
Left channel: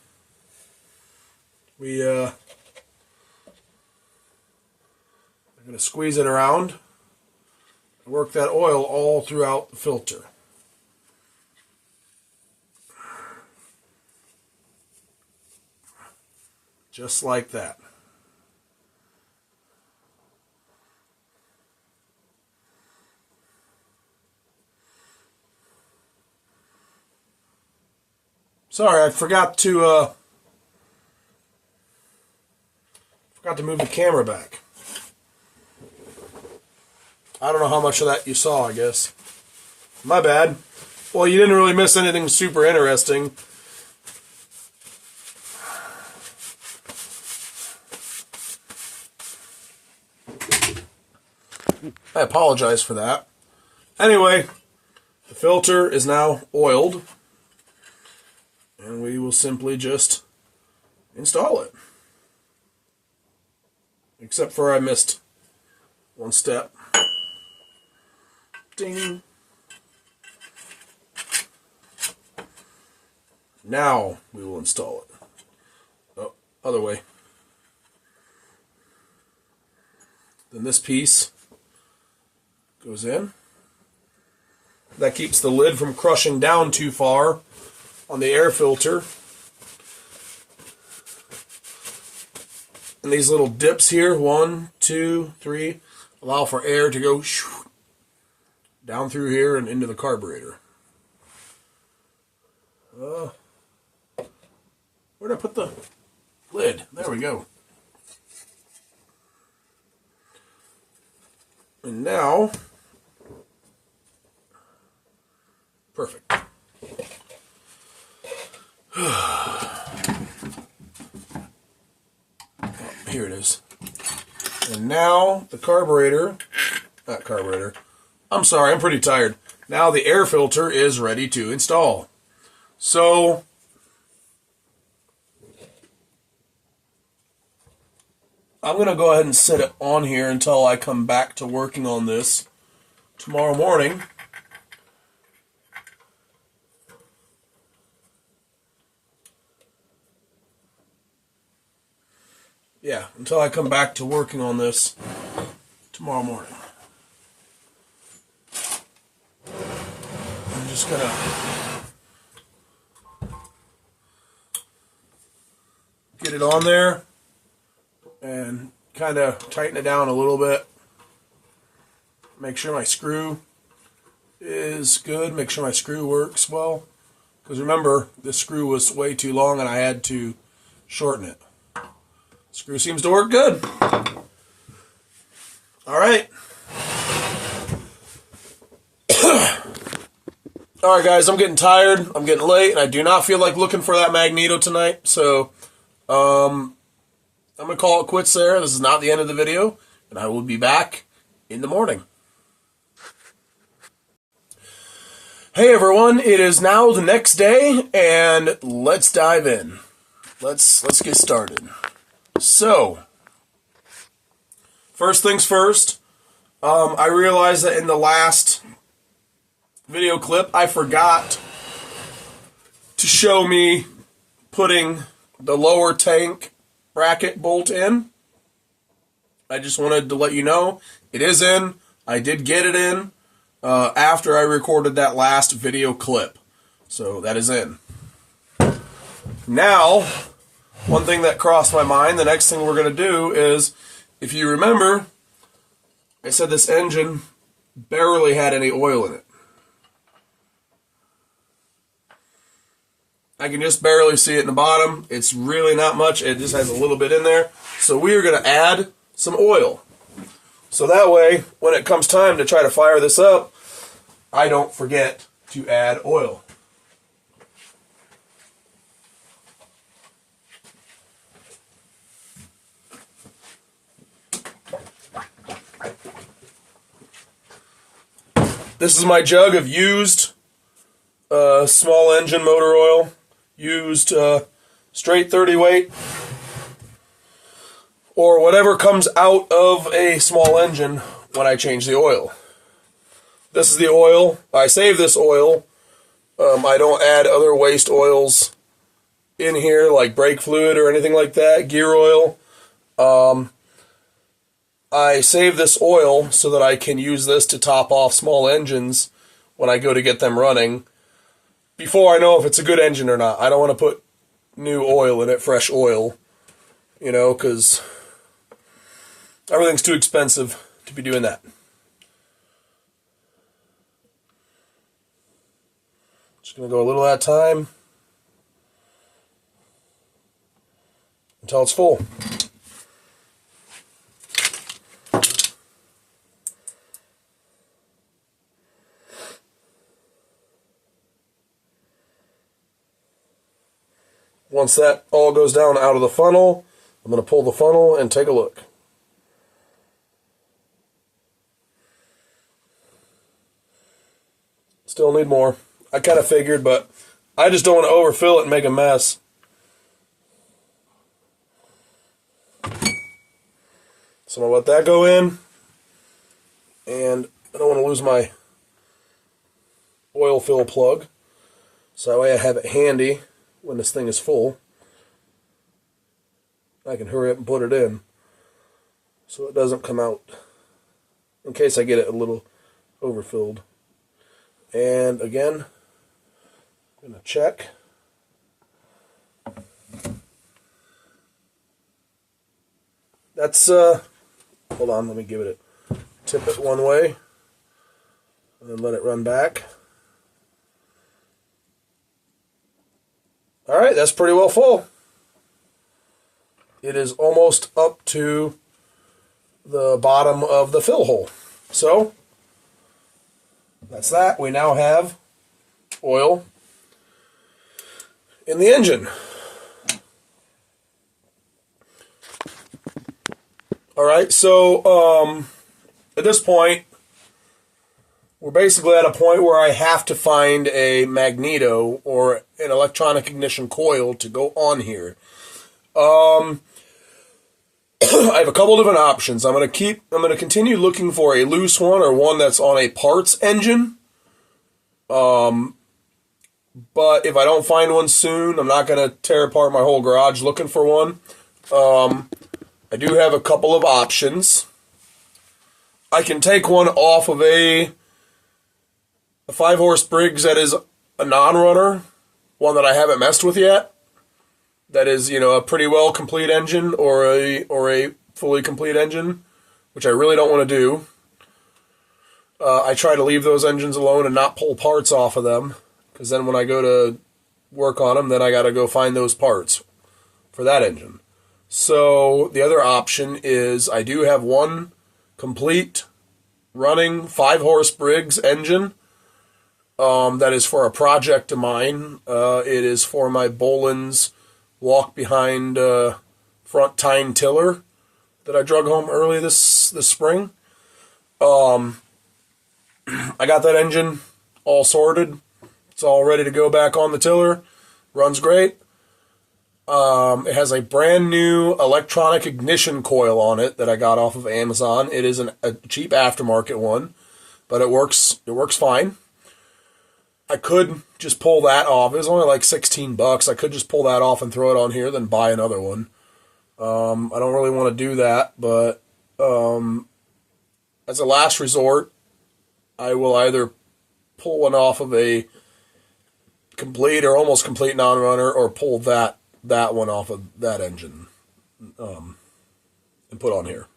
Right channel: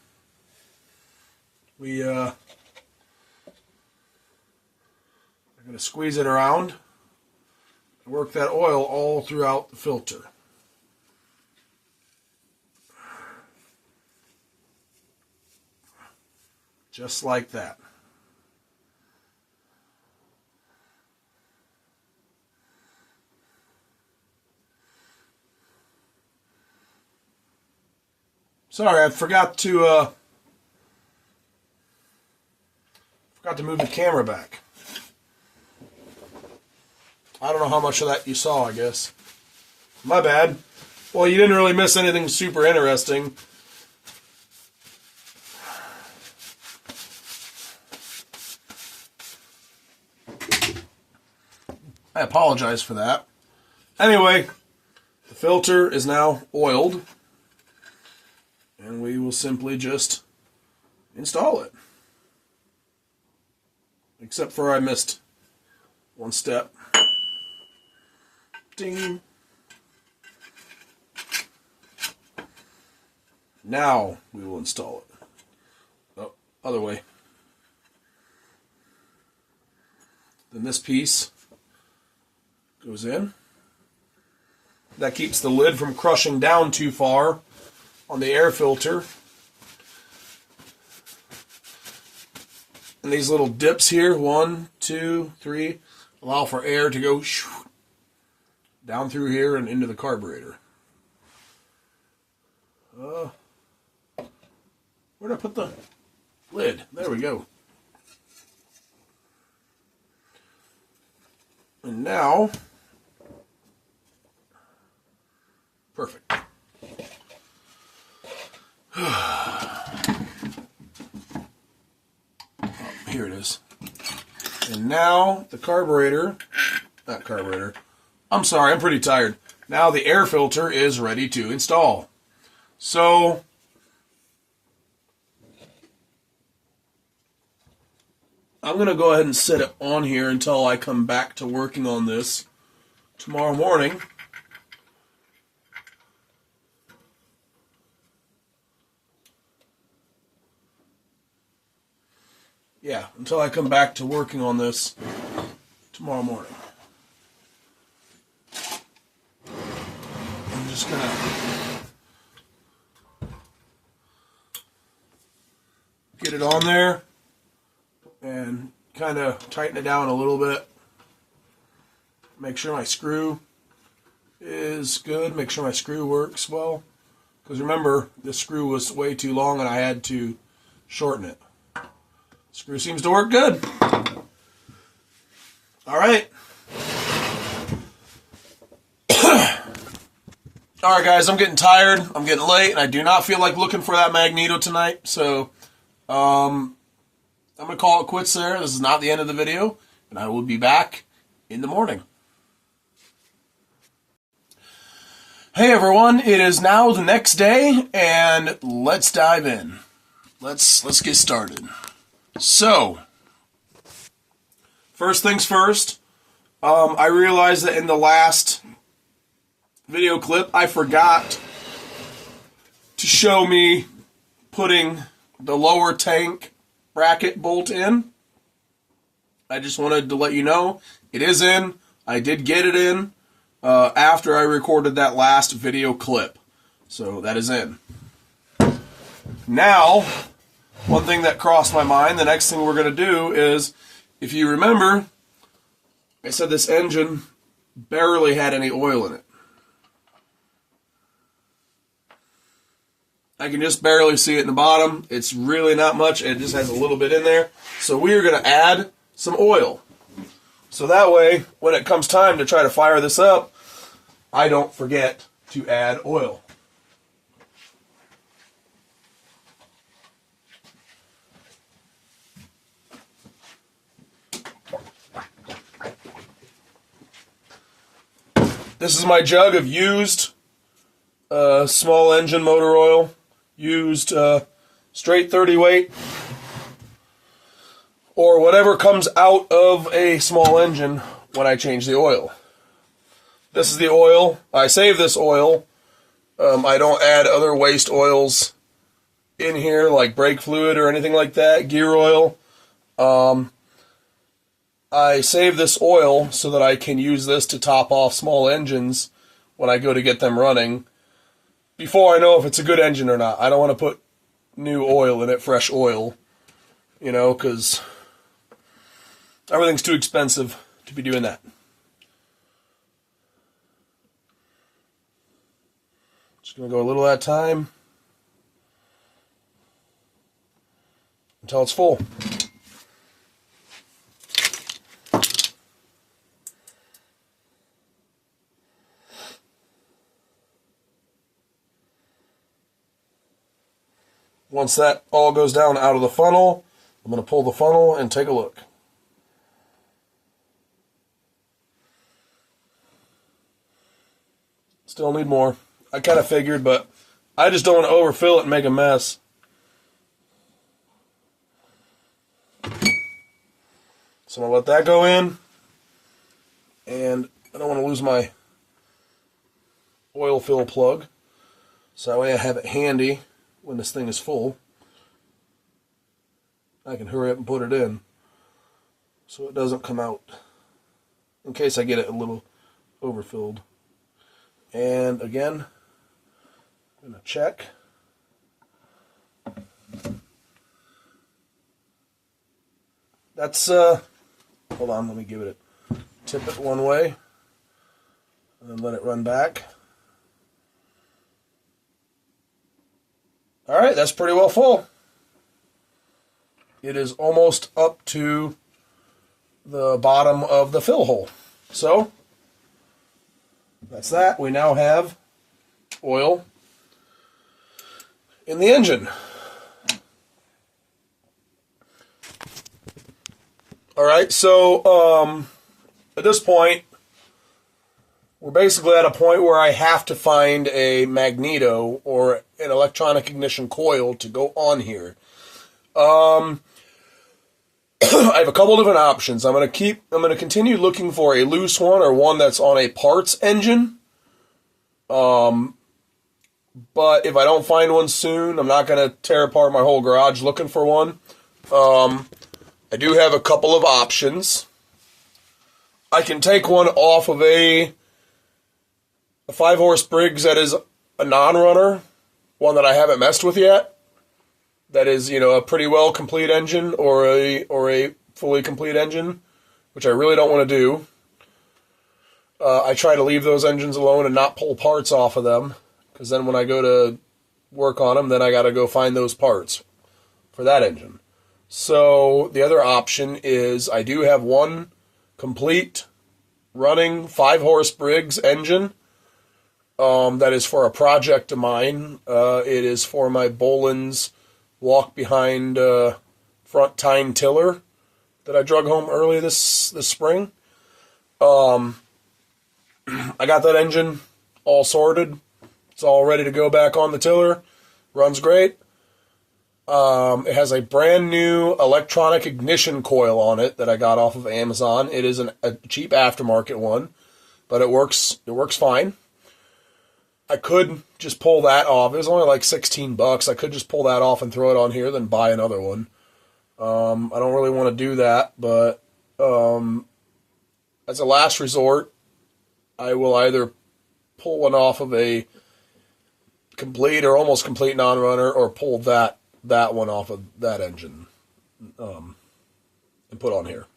I'm going to squeeze it around and work that oil all throughout the filter. Just like that. Sorry, I forgot to move the camera back. I don't know how much of that you saw, I guess. My bad. Well, you didn't really miss anything super interesting. I apologize for that. Anyway, the filter is now oiled, and we will simply just install it. Except for I missed one step. Ding. Now we will install it. Oh, other way. Then this piece goes in. That keeps the lid from crushing down too far on the air filter. And these little dips here, 1, 2, 3, allow for air to go down through here and into the carburetor. Where'd I put the lid? There we go. And now, perfect. Here it is. And now the I'm sorry, I'm pretty tired. Now the air filter is ready to install. So, I'm going to go ahead and set it on here until I come back to working on this tomorrow morning. Yeah, until I come back to working on this tomorrow morning. I'm just going to get it on there and kind of tighten it down a little bit. Make sure my screw is good. Make sure my screw works well. Because remember, this screw was way too long and I had to shorten it. Screw seems to work good. All right. All right, guys, I'm getting tired. I'm getting late, and I do not feel like looking for that magneto tonight. So, I'm going to call it quits there. This is not the end of the video, and I will be back in the morning. Hey, everyone. It is now the next day, and let's dive in. Let's get started. So, first things first, I realized that in the last video clip, I forgot to show me putting the lower tank bracket bolt in. I just wanted to let you know it is in. I did get it in after I recorded that last video clip. So that is in. Now, one thing that crossed my mind, the next thing we're going to do is, if you remember, I said this engine barely had any oil in it. I can just barely see it in the bottom. It's really not much. It just has a little bit in there. So we are going to add some oil. So that way, when it comes time to try to fire this up, I don't forget to add oil. This is my jug of used small engine motor oil. Used straight 30 weight, or whatever comes out of a small engine when I change the oil. This is the oil. I save this oil. I don't add other waste oils in here, like brake fluid or anything like that, gear oil. I save this oil so that I can use this to top off small engines when I go to get them running before I know if it's a good engine or not. I don't want to put new oil in it, fresh oil, you know, because everything's too expensive to be doing that. Just going to go a little at a time until it's full. Once that all goes down out of the funnel, I'm going to pull the funnel and take a look. Still need more. I kind of figured, but I just don't want to overfill it and make a mess. So I'm going to let that go in. And I don't want to lose my oil fill plug. So that way I have it handy when this thing is full. I can hurry up and put it in so it doesn't come out in case I get it a little overfilled. And again, I'm going to check. That's, hold on, let me give it a tip it one way and then let it run back. Alright, that's pretty well full. It is almost up to the bottom of the fill hole. So, that's that. We now have oil in the engine. Alright, so at this point, we're basically at a point where I have to find a magneto or an electronic ignition coil to go on here. I have a couple different options. I'm going to continue looking for a loose one or one that's on a parts engine. But if I don't find one soon, I'm not going to tear apart my whole garage looking for one. I do have a couple of options. I can take one off of a 5-horse Briggs that is a non-runner, one that I haven't messed with yet. That is, you know, a pretty well complete engine or a fully complete engine, which I really don't want to do. I try to leave those engines alone and not pull parts off of them, because then when I go to work on them, then I got to go find those parts for that engine. So the other option is I do have one complete running 5-horse Briggs engine. That is for a project of mine. It is for my Boland's walk behind front tine tiller that I drug home early this spring. I got that engine all sorted. It's all ready to go back on the tiller. Runs great. It has a brand new electronic ignition coil on it that I got off of Amazon. It is a cheap aftermarket one, but it works fine. I could just pull that off. It was only like $16. I could just pull that off and throw it on here, then buy another one. I don't really want to do that, but as a last resort, I will either pull one off of a complete or almost complete non-runner, or pull that one off of that engine and put on here.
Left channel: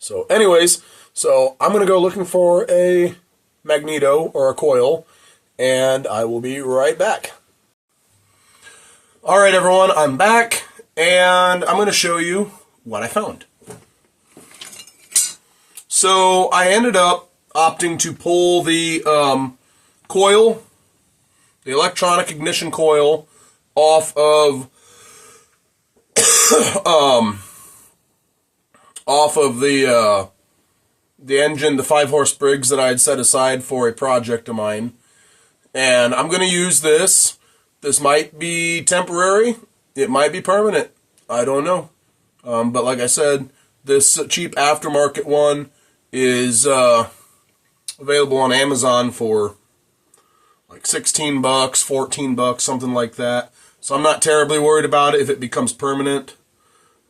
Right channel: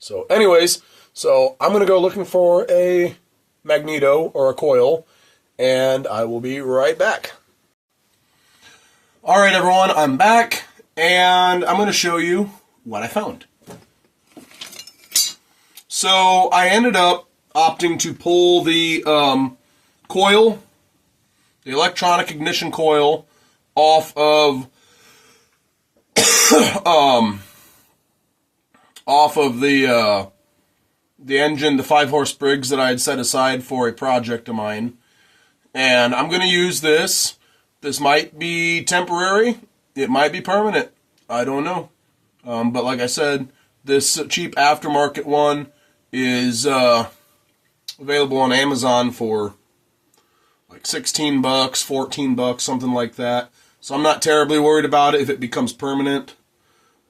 So anyways, I'm going to go looking for a magneto or a coil, and I will be right back. Alright everyone, I'm back, and I'm going to show you what I found. So I ended up opting to pull the coil, the electronic ignition coil, off of the engine, the 5-horse Briggs that I had set aside for a project of mine. And I'm going to use this. This might be temporary. it might be permanent. I don't know. But like I said, this cheap aftermarket one is available on Amazon for like $16, $14, something like that. So I'm not terribly worried about it if it becomes permanent.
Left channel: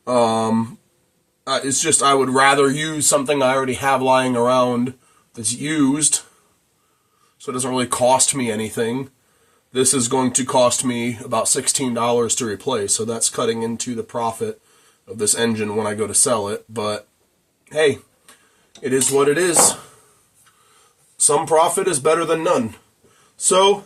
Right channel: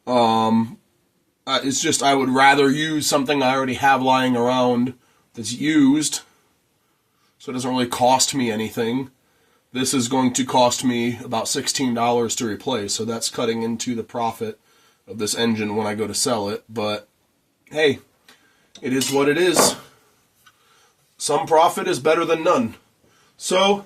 It's just I would rather use something I already have lying around that's used, so it doesn't really cost me anything. This is going to cost me about $16 to replace, so that's cutting into the profit of this engine when I go to sell it. But hey, it is what it is. Some profit is better than none. So,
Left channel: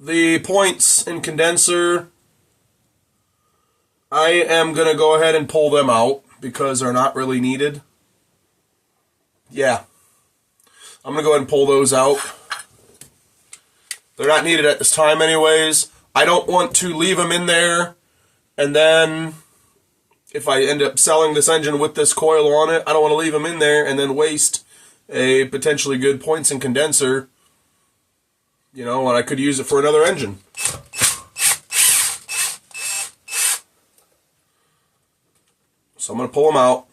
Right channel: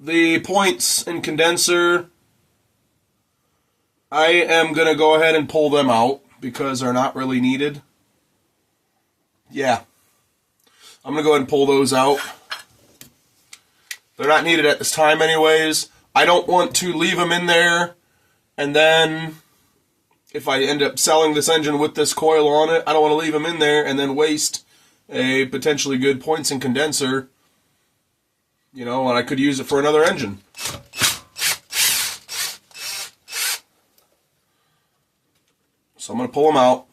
the points in condenser, I am going to go ahead and pull them out because they're not really needed. Yeah. I'm going to go ahead and pull those out. They're not needed at this time anyways. I don't want to leave them in there, and then if I end up selling this engine with this coil on it, I don't want to leave them in there and then waste a potentially good points and condenser, you know, and I could use it for another engine. So I'm going to pull them out.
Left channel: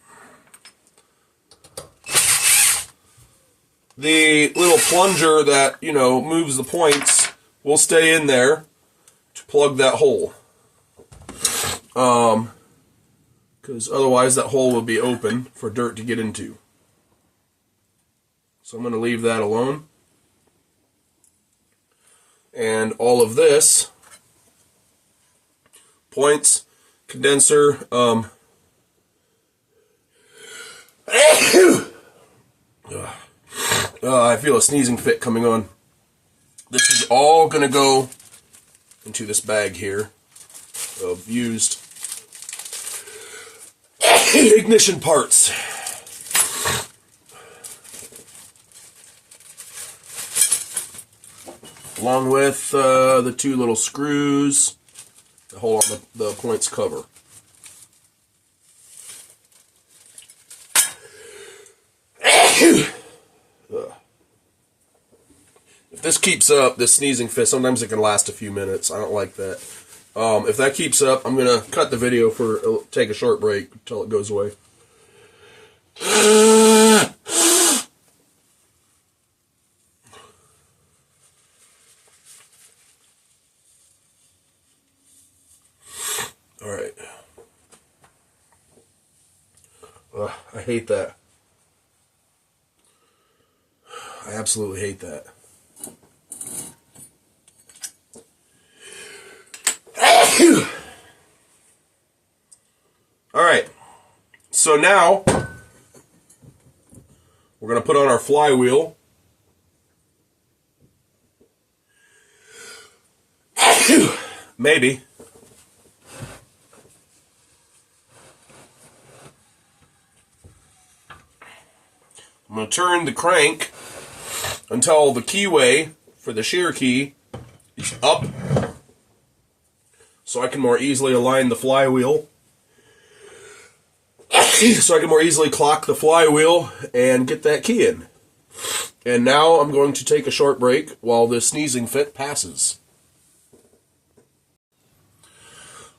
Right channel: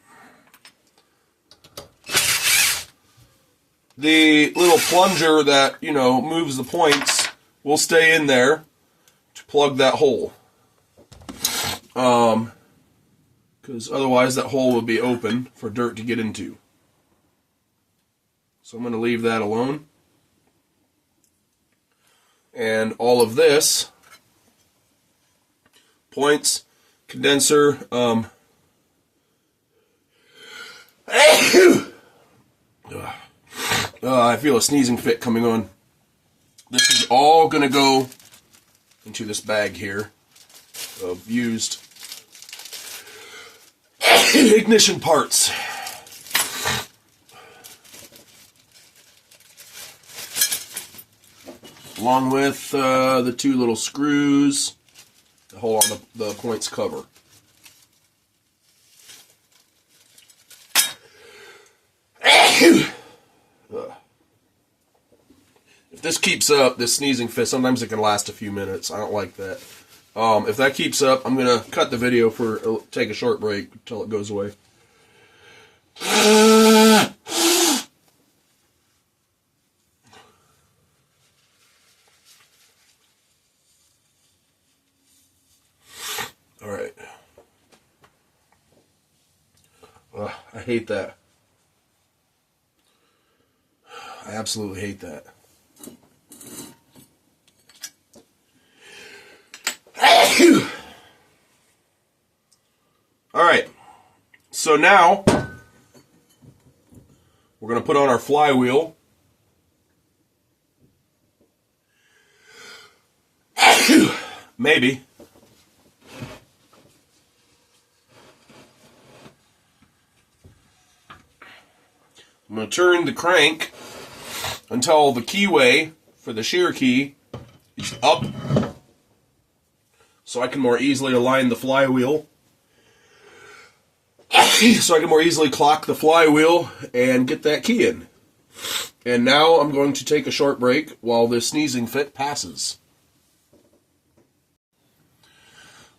The little plunger that, you know, moves the points will stay in there to plug that hole. Because otherwise that hole will be open for dirt to get into. So I'm going to leave that alone. And all of this, points, condenser, I feel a sneezing fit coming on. This is all going to go into this bag here of used ignition parts. Along with the two little screws that hold on the points cover. If this keeps up, this sneezing fit, sometimes it can last a few minutes. I don't like that. If that keeps up, I'm going to cut the video take a short break until it goes away. All right. I hate that. I absolutely hate that. All right. So now we're going to put on our flywheel. Maybe. I'm going to turn the crank until the keyway for the shear key is up, so I can more easily align the flywheel. So I can more easily clock the flywheel and get that key in. And now I'm going to take a short break while this sneezing fit passes.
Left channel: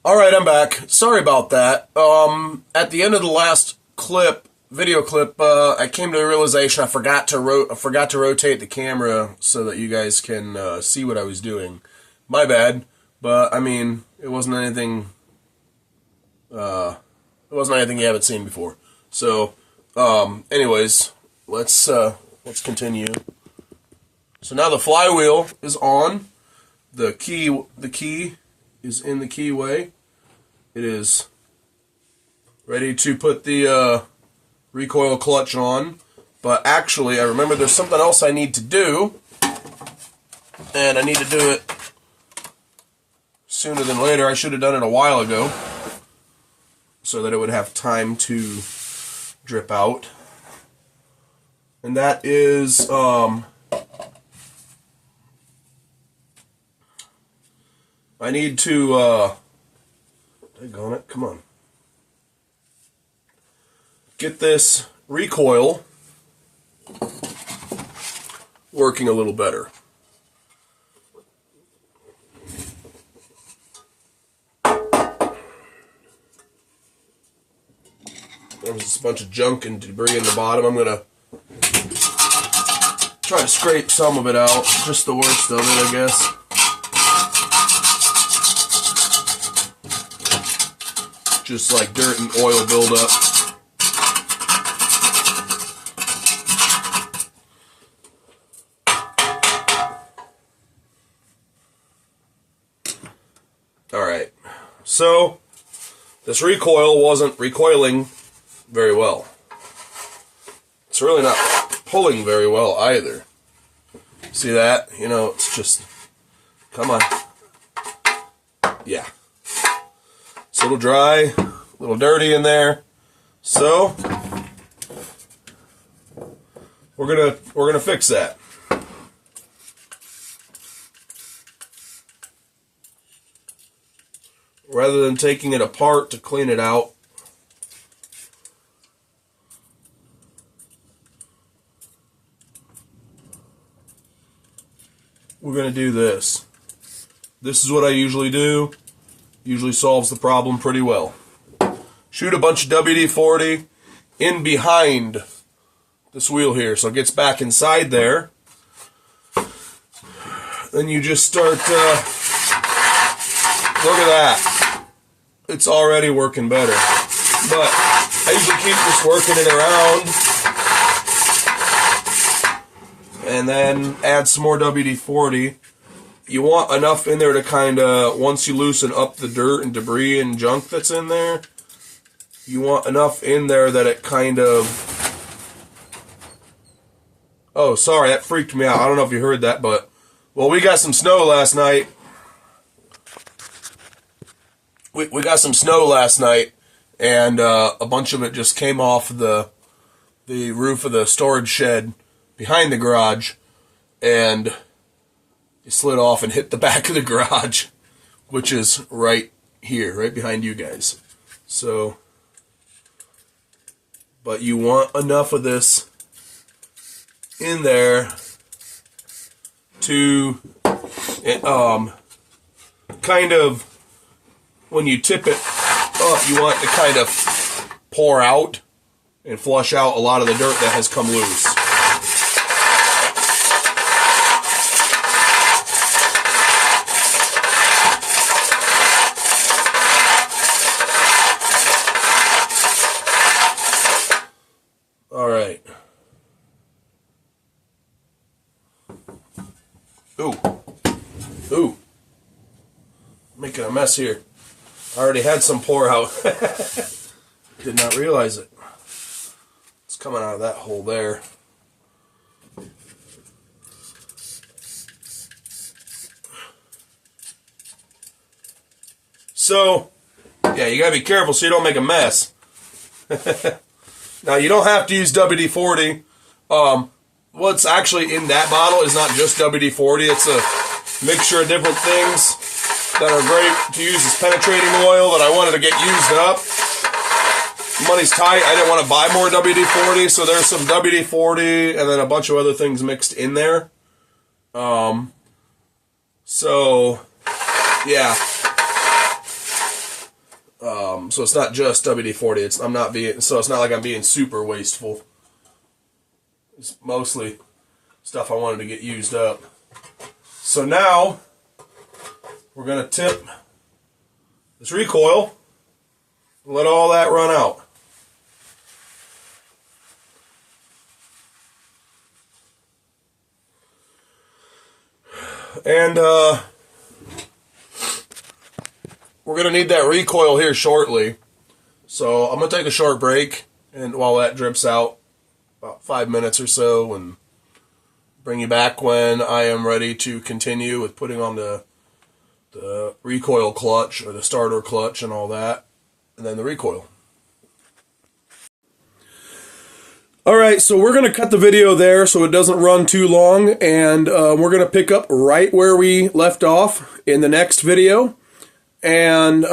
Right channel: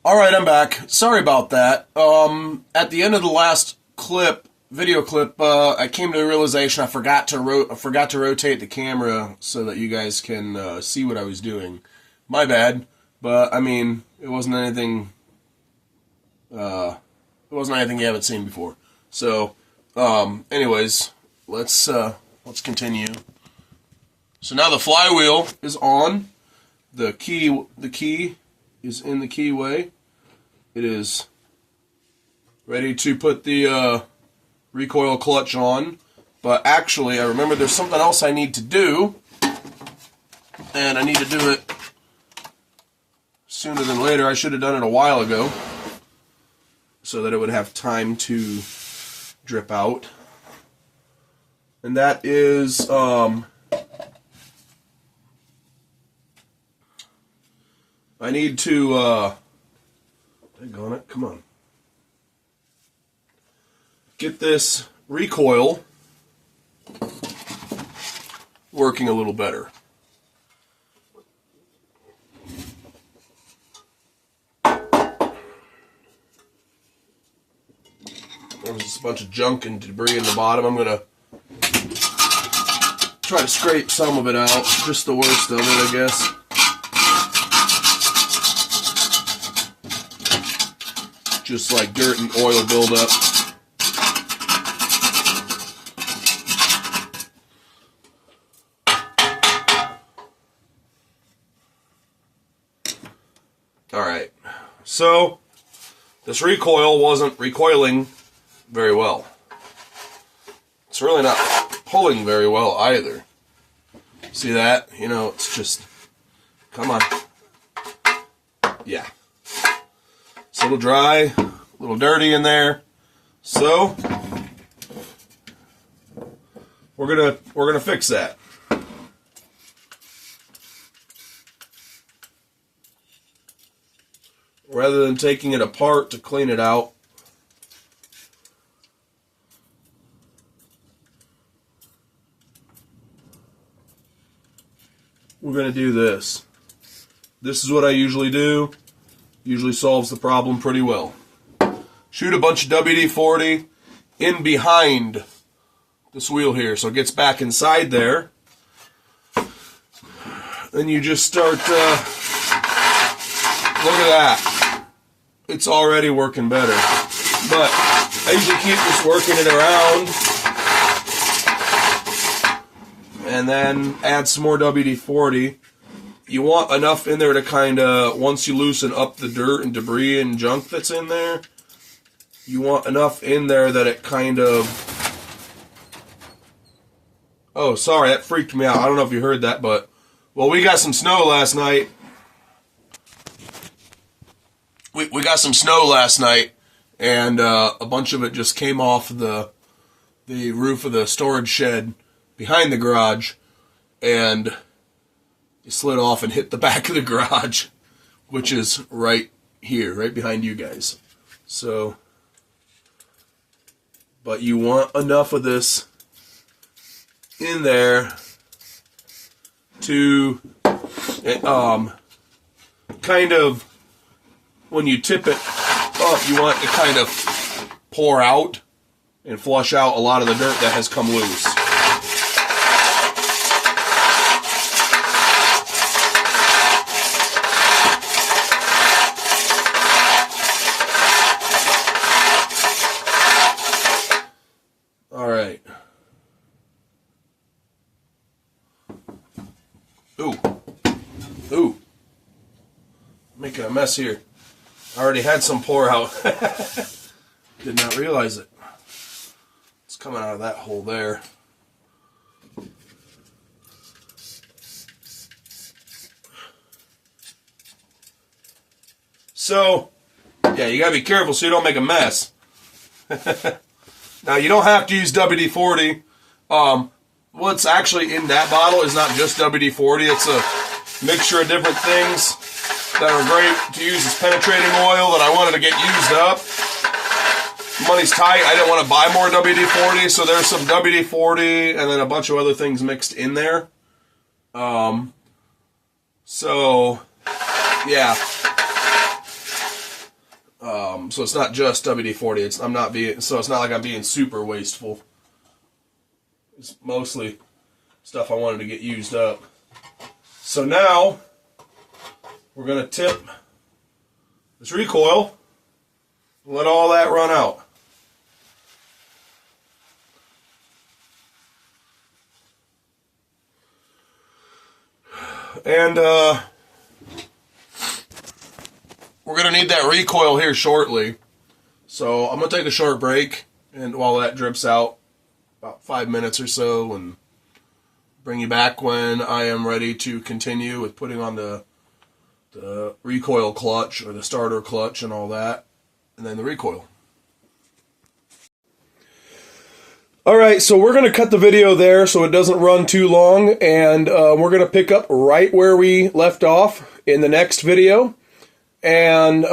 Alright, I'm back. Sorry about that. At the end of the last video clip, I came to the realization I forgot to rotate the camera so that you guys can see what I was doing. My bad, but I mean, it wasn't anything you haven't seen before. So, anyways, let's continue. So now the flywheel is on. The key is in the keyway. It is ready to put the recoil clutch on. But actually, I remember there's something else I need to do, and I need to do it sooner than later. I should have done it a while ago, so that it would have time to drip out. And that is, I need to, daggone it, come on. Get this recoil working a little better. There's just a bunch of junk and debris in the bottom. I'm going to try to scrape some of it out, just the worst of it, I guess. Just like dirt and oil buildup. Alright, so this recoil wasn't recoiling very well. It's really not pulling very well either. See that? You know, it's just, come on. Yeah. It's a little dry, a little dirty in there. So we're gonna fix that. Rather than taking it apart to clean it out, we're going to do this. This is what I usually do. Usually solves the problem pretty well. Shoot a bunch of WD-40 in behind this wheel here so it gets back inside there. Then you just start, look at that. It's already working better. But I usually keep just working it around and then add some more WD-40. You want enough in there to kind of, once you loosen up the dirt and debris and junk that's in there, you want enough in there that it kind of... Oh, sorry, that freaked me out. I don't know if you heard that, but... Well, we got some snow last night. We got some snow last night, and a bunch of it just came off the roof of the storage shed behind the garage, and it slid off and hit the back of the garage, which is right here, right behind you guys. So, but you want enough of this in there to kind of, when you tip it up, you want it to kind of pour out and flush out a lot of the dirt that has come loose. All right. Ooh. Making a mess here. I already had some pour out. Did not realize it. It's coming out of that hole there. So, yeah, you gotta be careful so you don't make a mess. Now, you don't have to use WD-40. What's actually in that bottle is not just WD-40. It's a mixture of different things that are great to use as penetrating oil that I wanted to get used up. Money's tight. I didn't want to buy more WD-40, so there's some WD-40 and then a bunch of other things mixed in there. So, yeah. So it's not just WD-40. It's not like I'm being super wasteful. It's mostly stuff I wanted to get used up. So now we're going to tip this recoil and let all that run out. And we're going to need that recoil here shortly. So I'm going to take a short break, and while that drips out, about 5 minutes or so, and bring you back when I am ready to continue with putting on the recoil clutch, or the starter clutch and all that, and then the recoil. Alright, so we're going to cut the video there so it doesn't run too long, and we're going to pick up right where we left off in the next video. And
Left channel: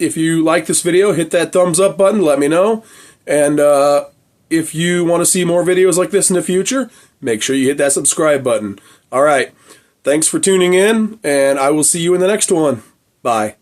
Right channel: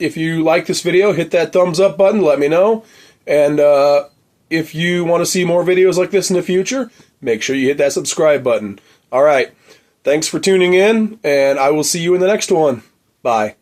if you like this video, hit that thumbs up button, let me know. And if you want to see more videos like this in the future, make sure you hit that subscribe button. All right. Thanks for tuning in, and I will see you in the next one. Bye.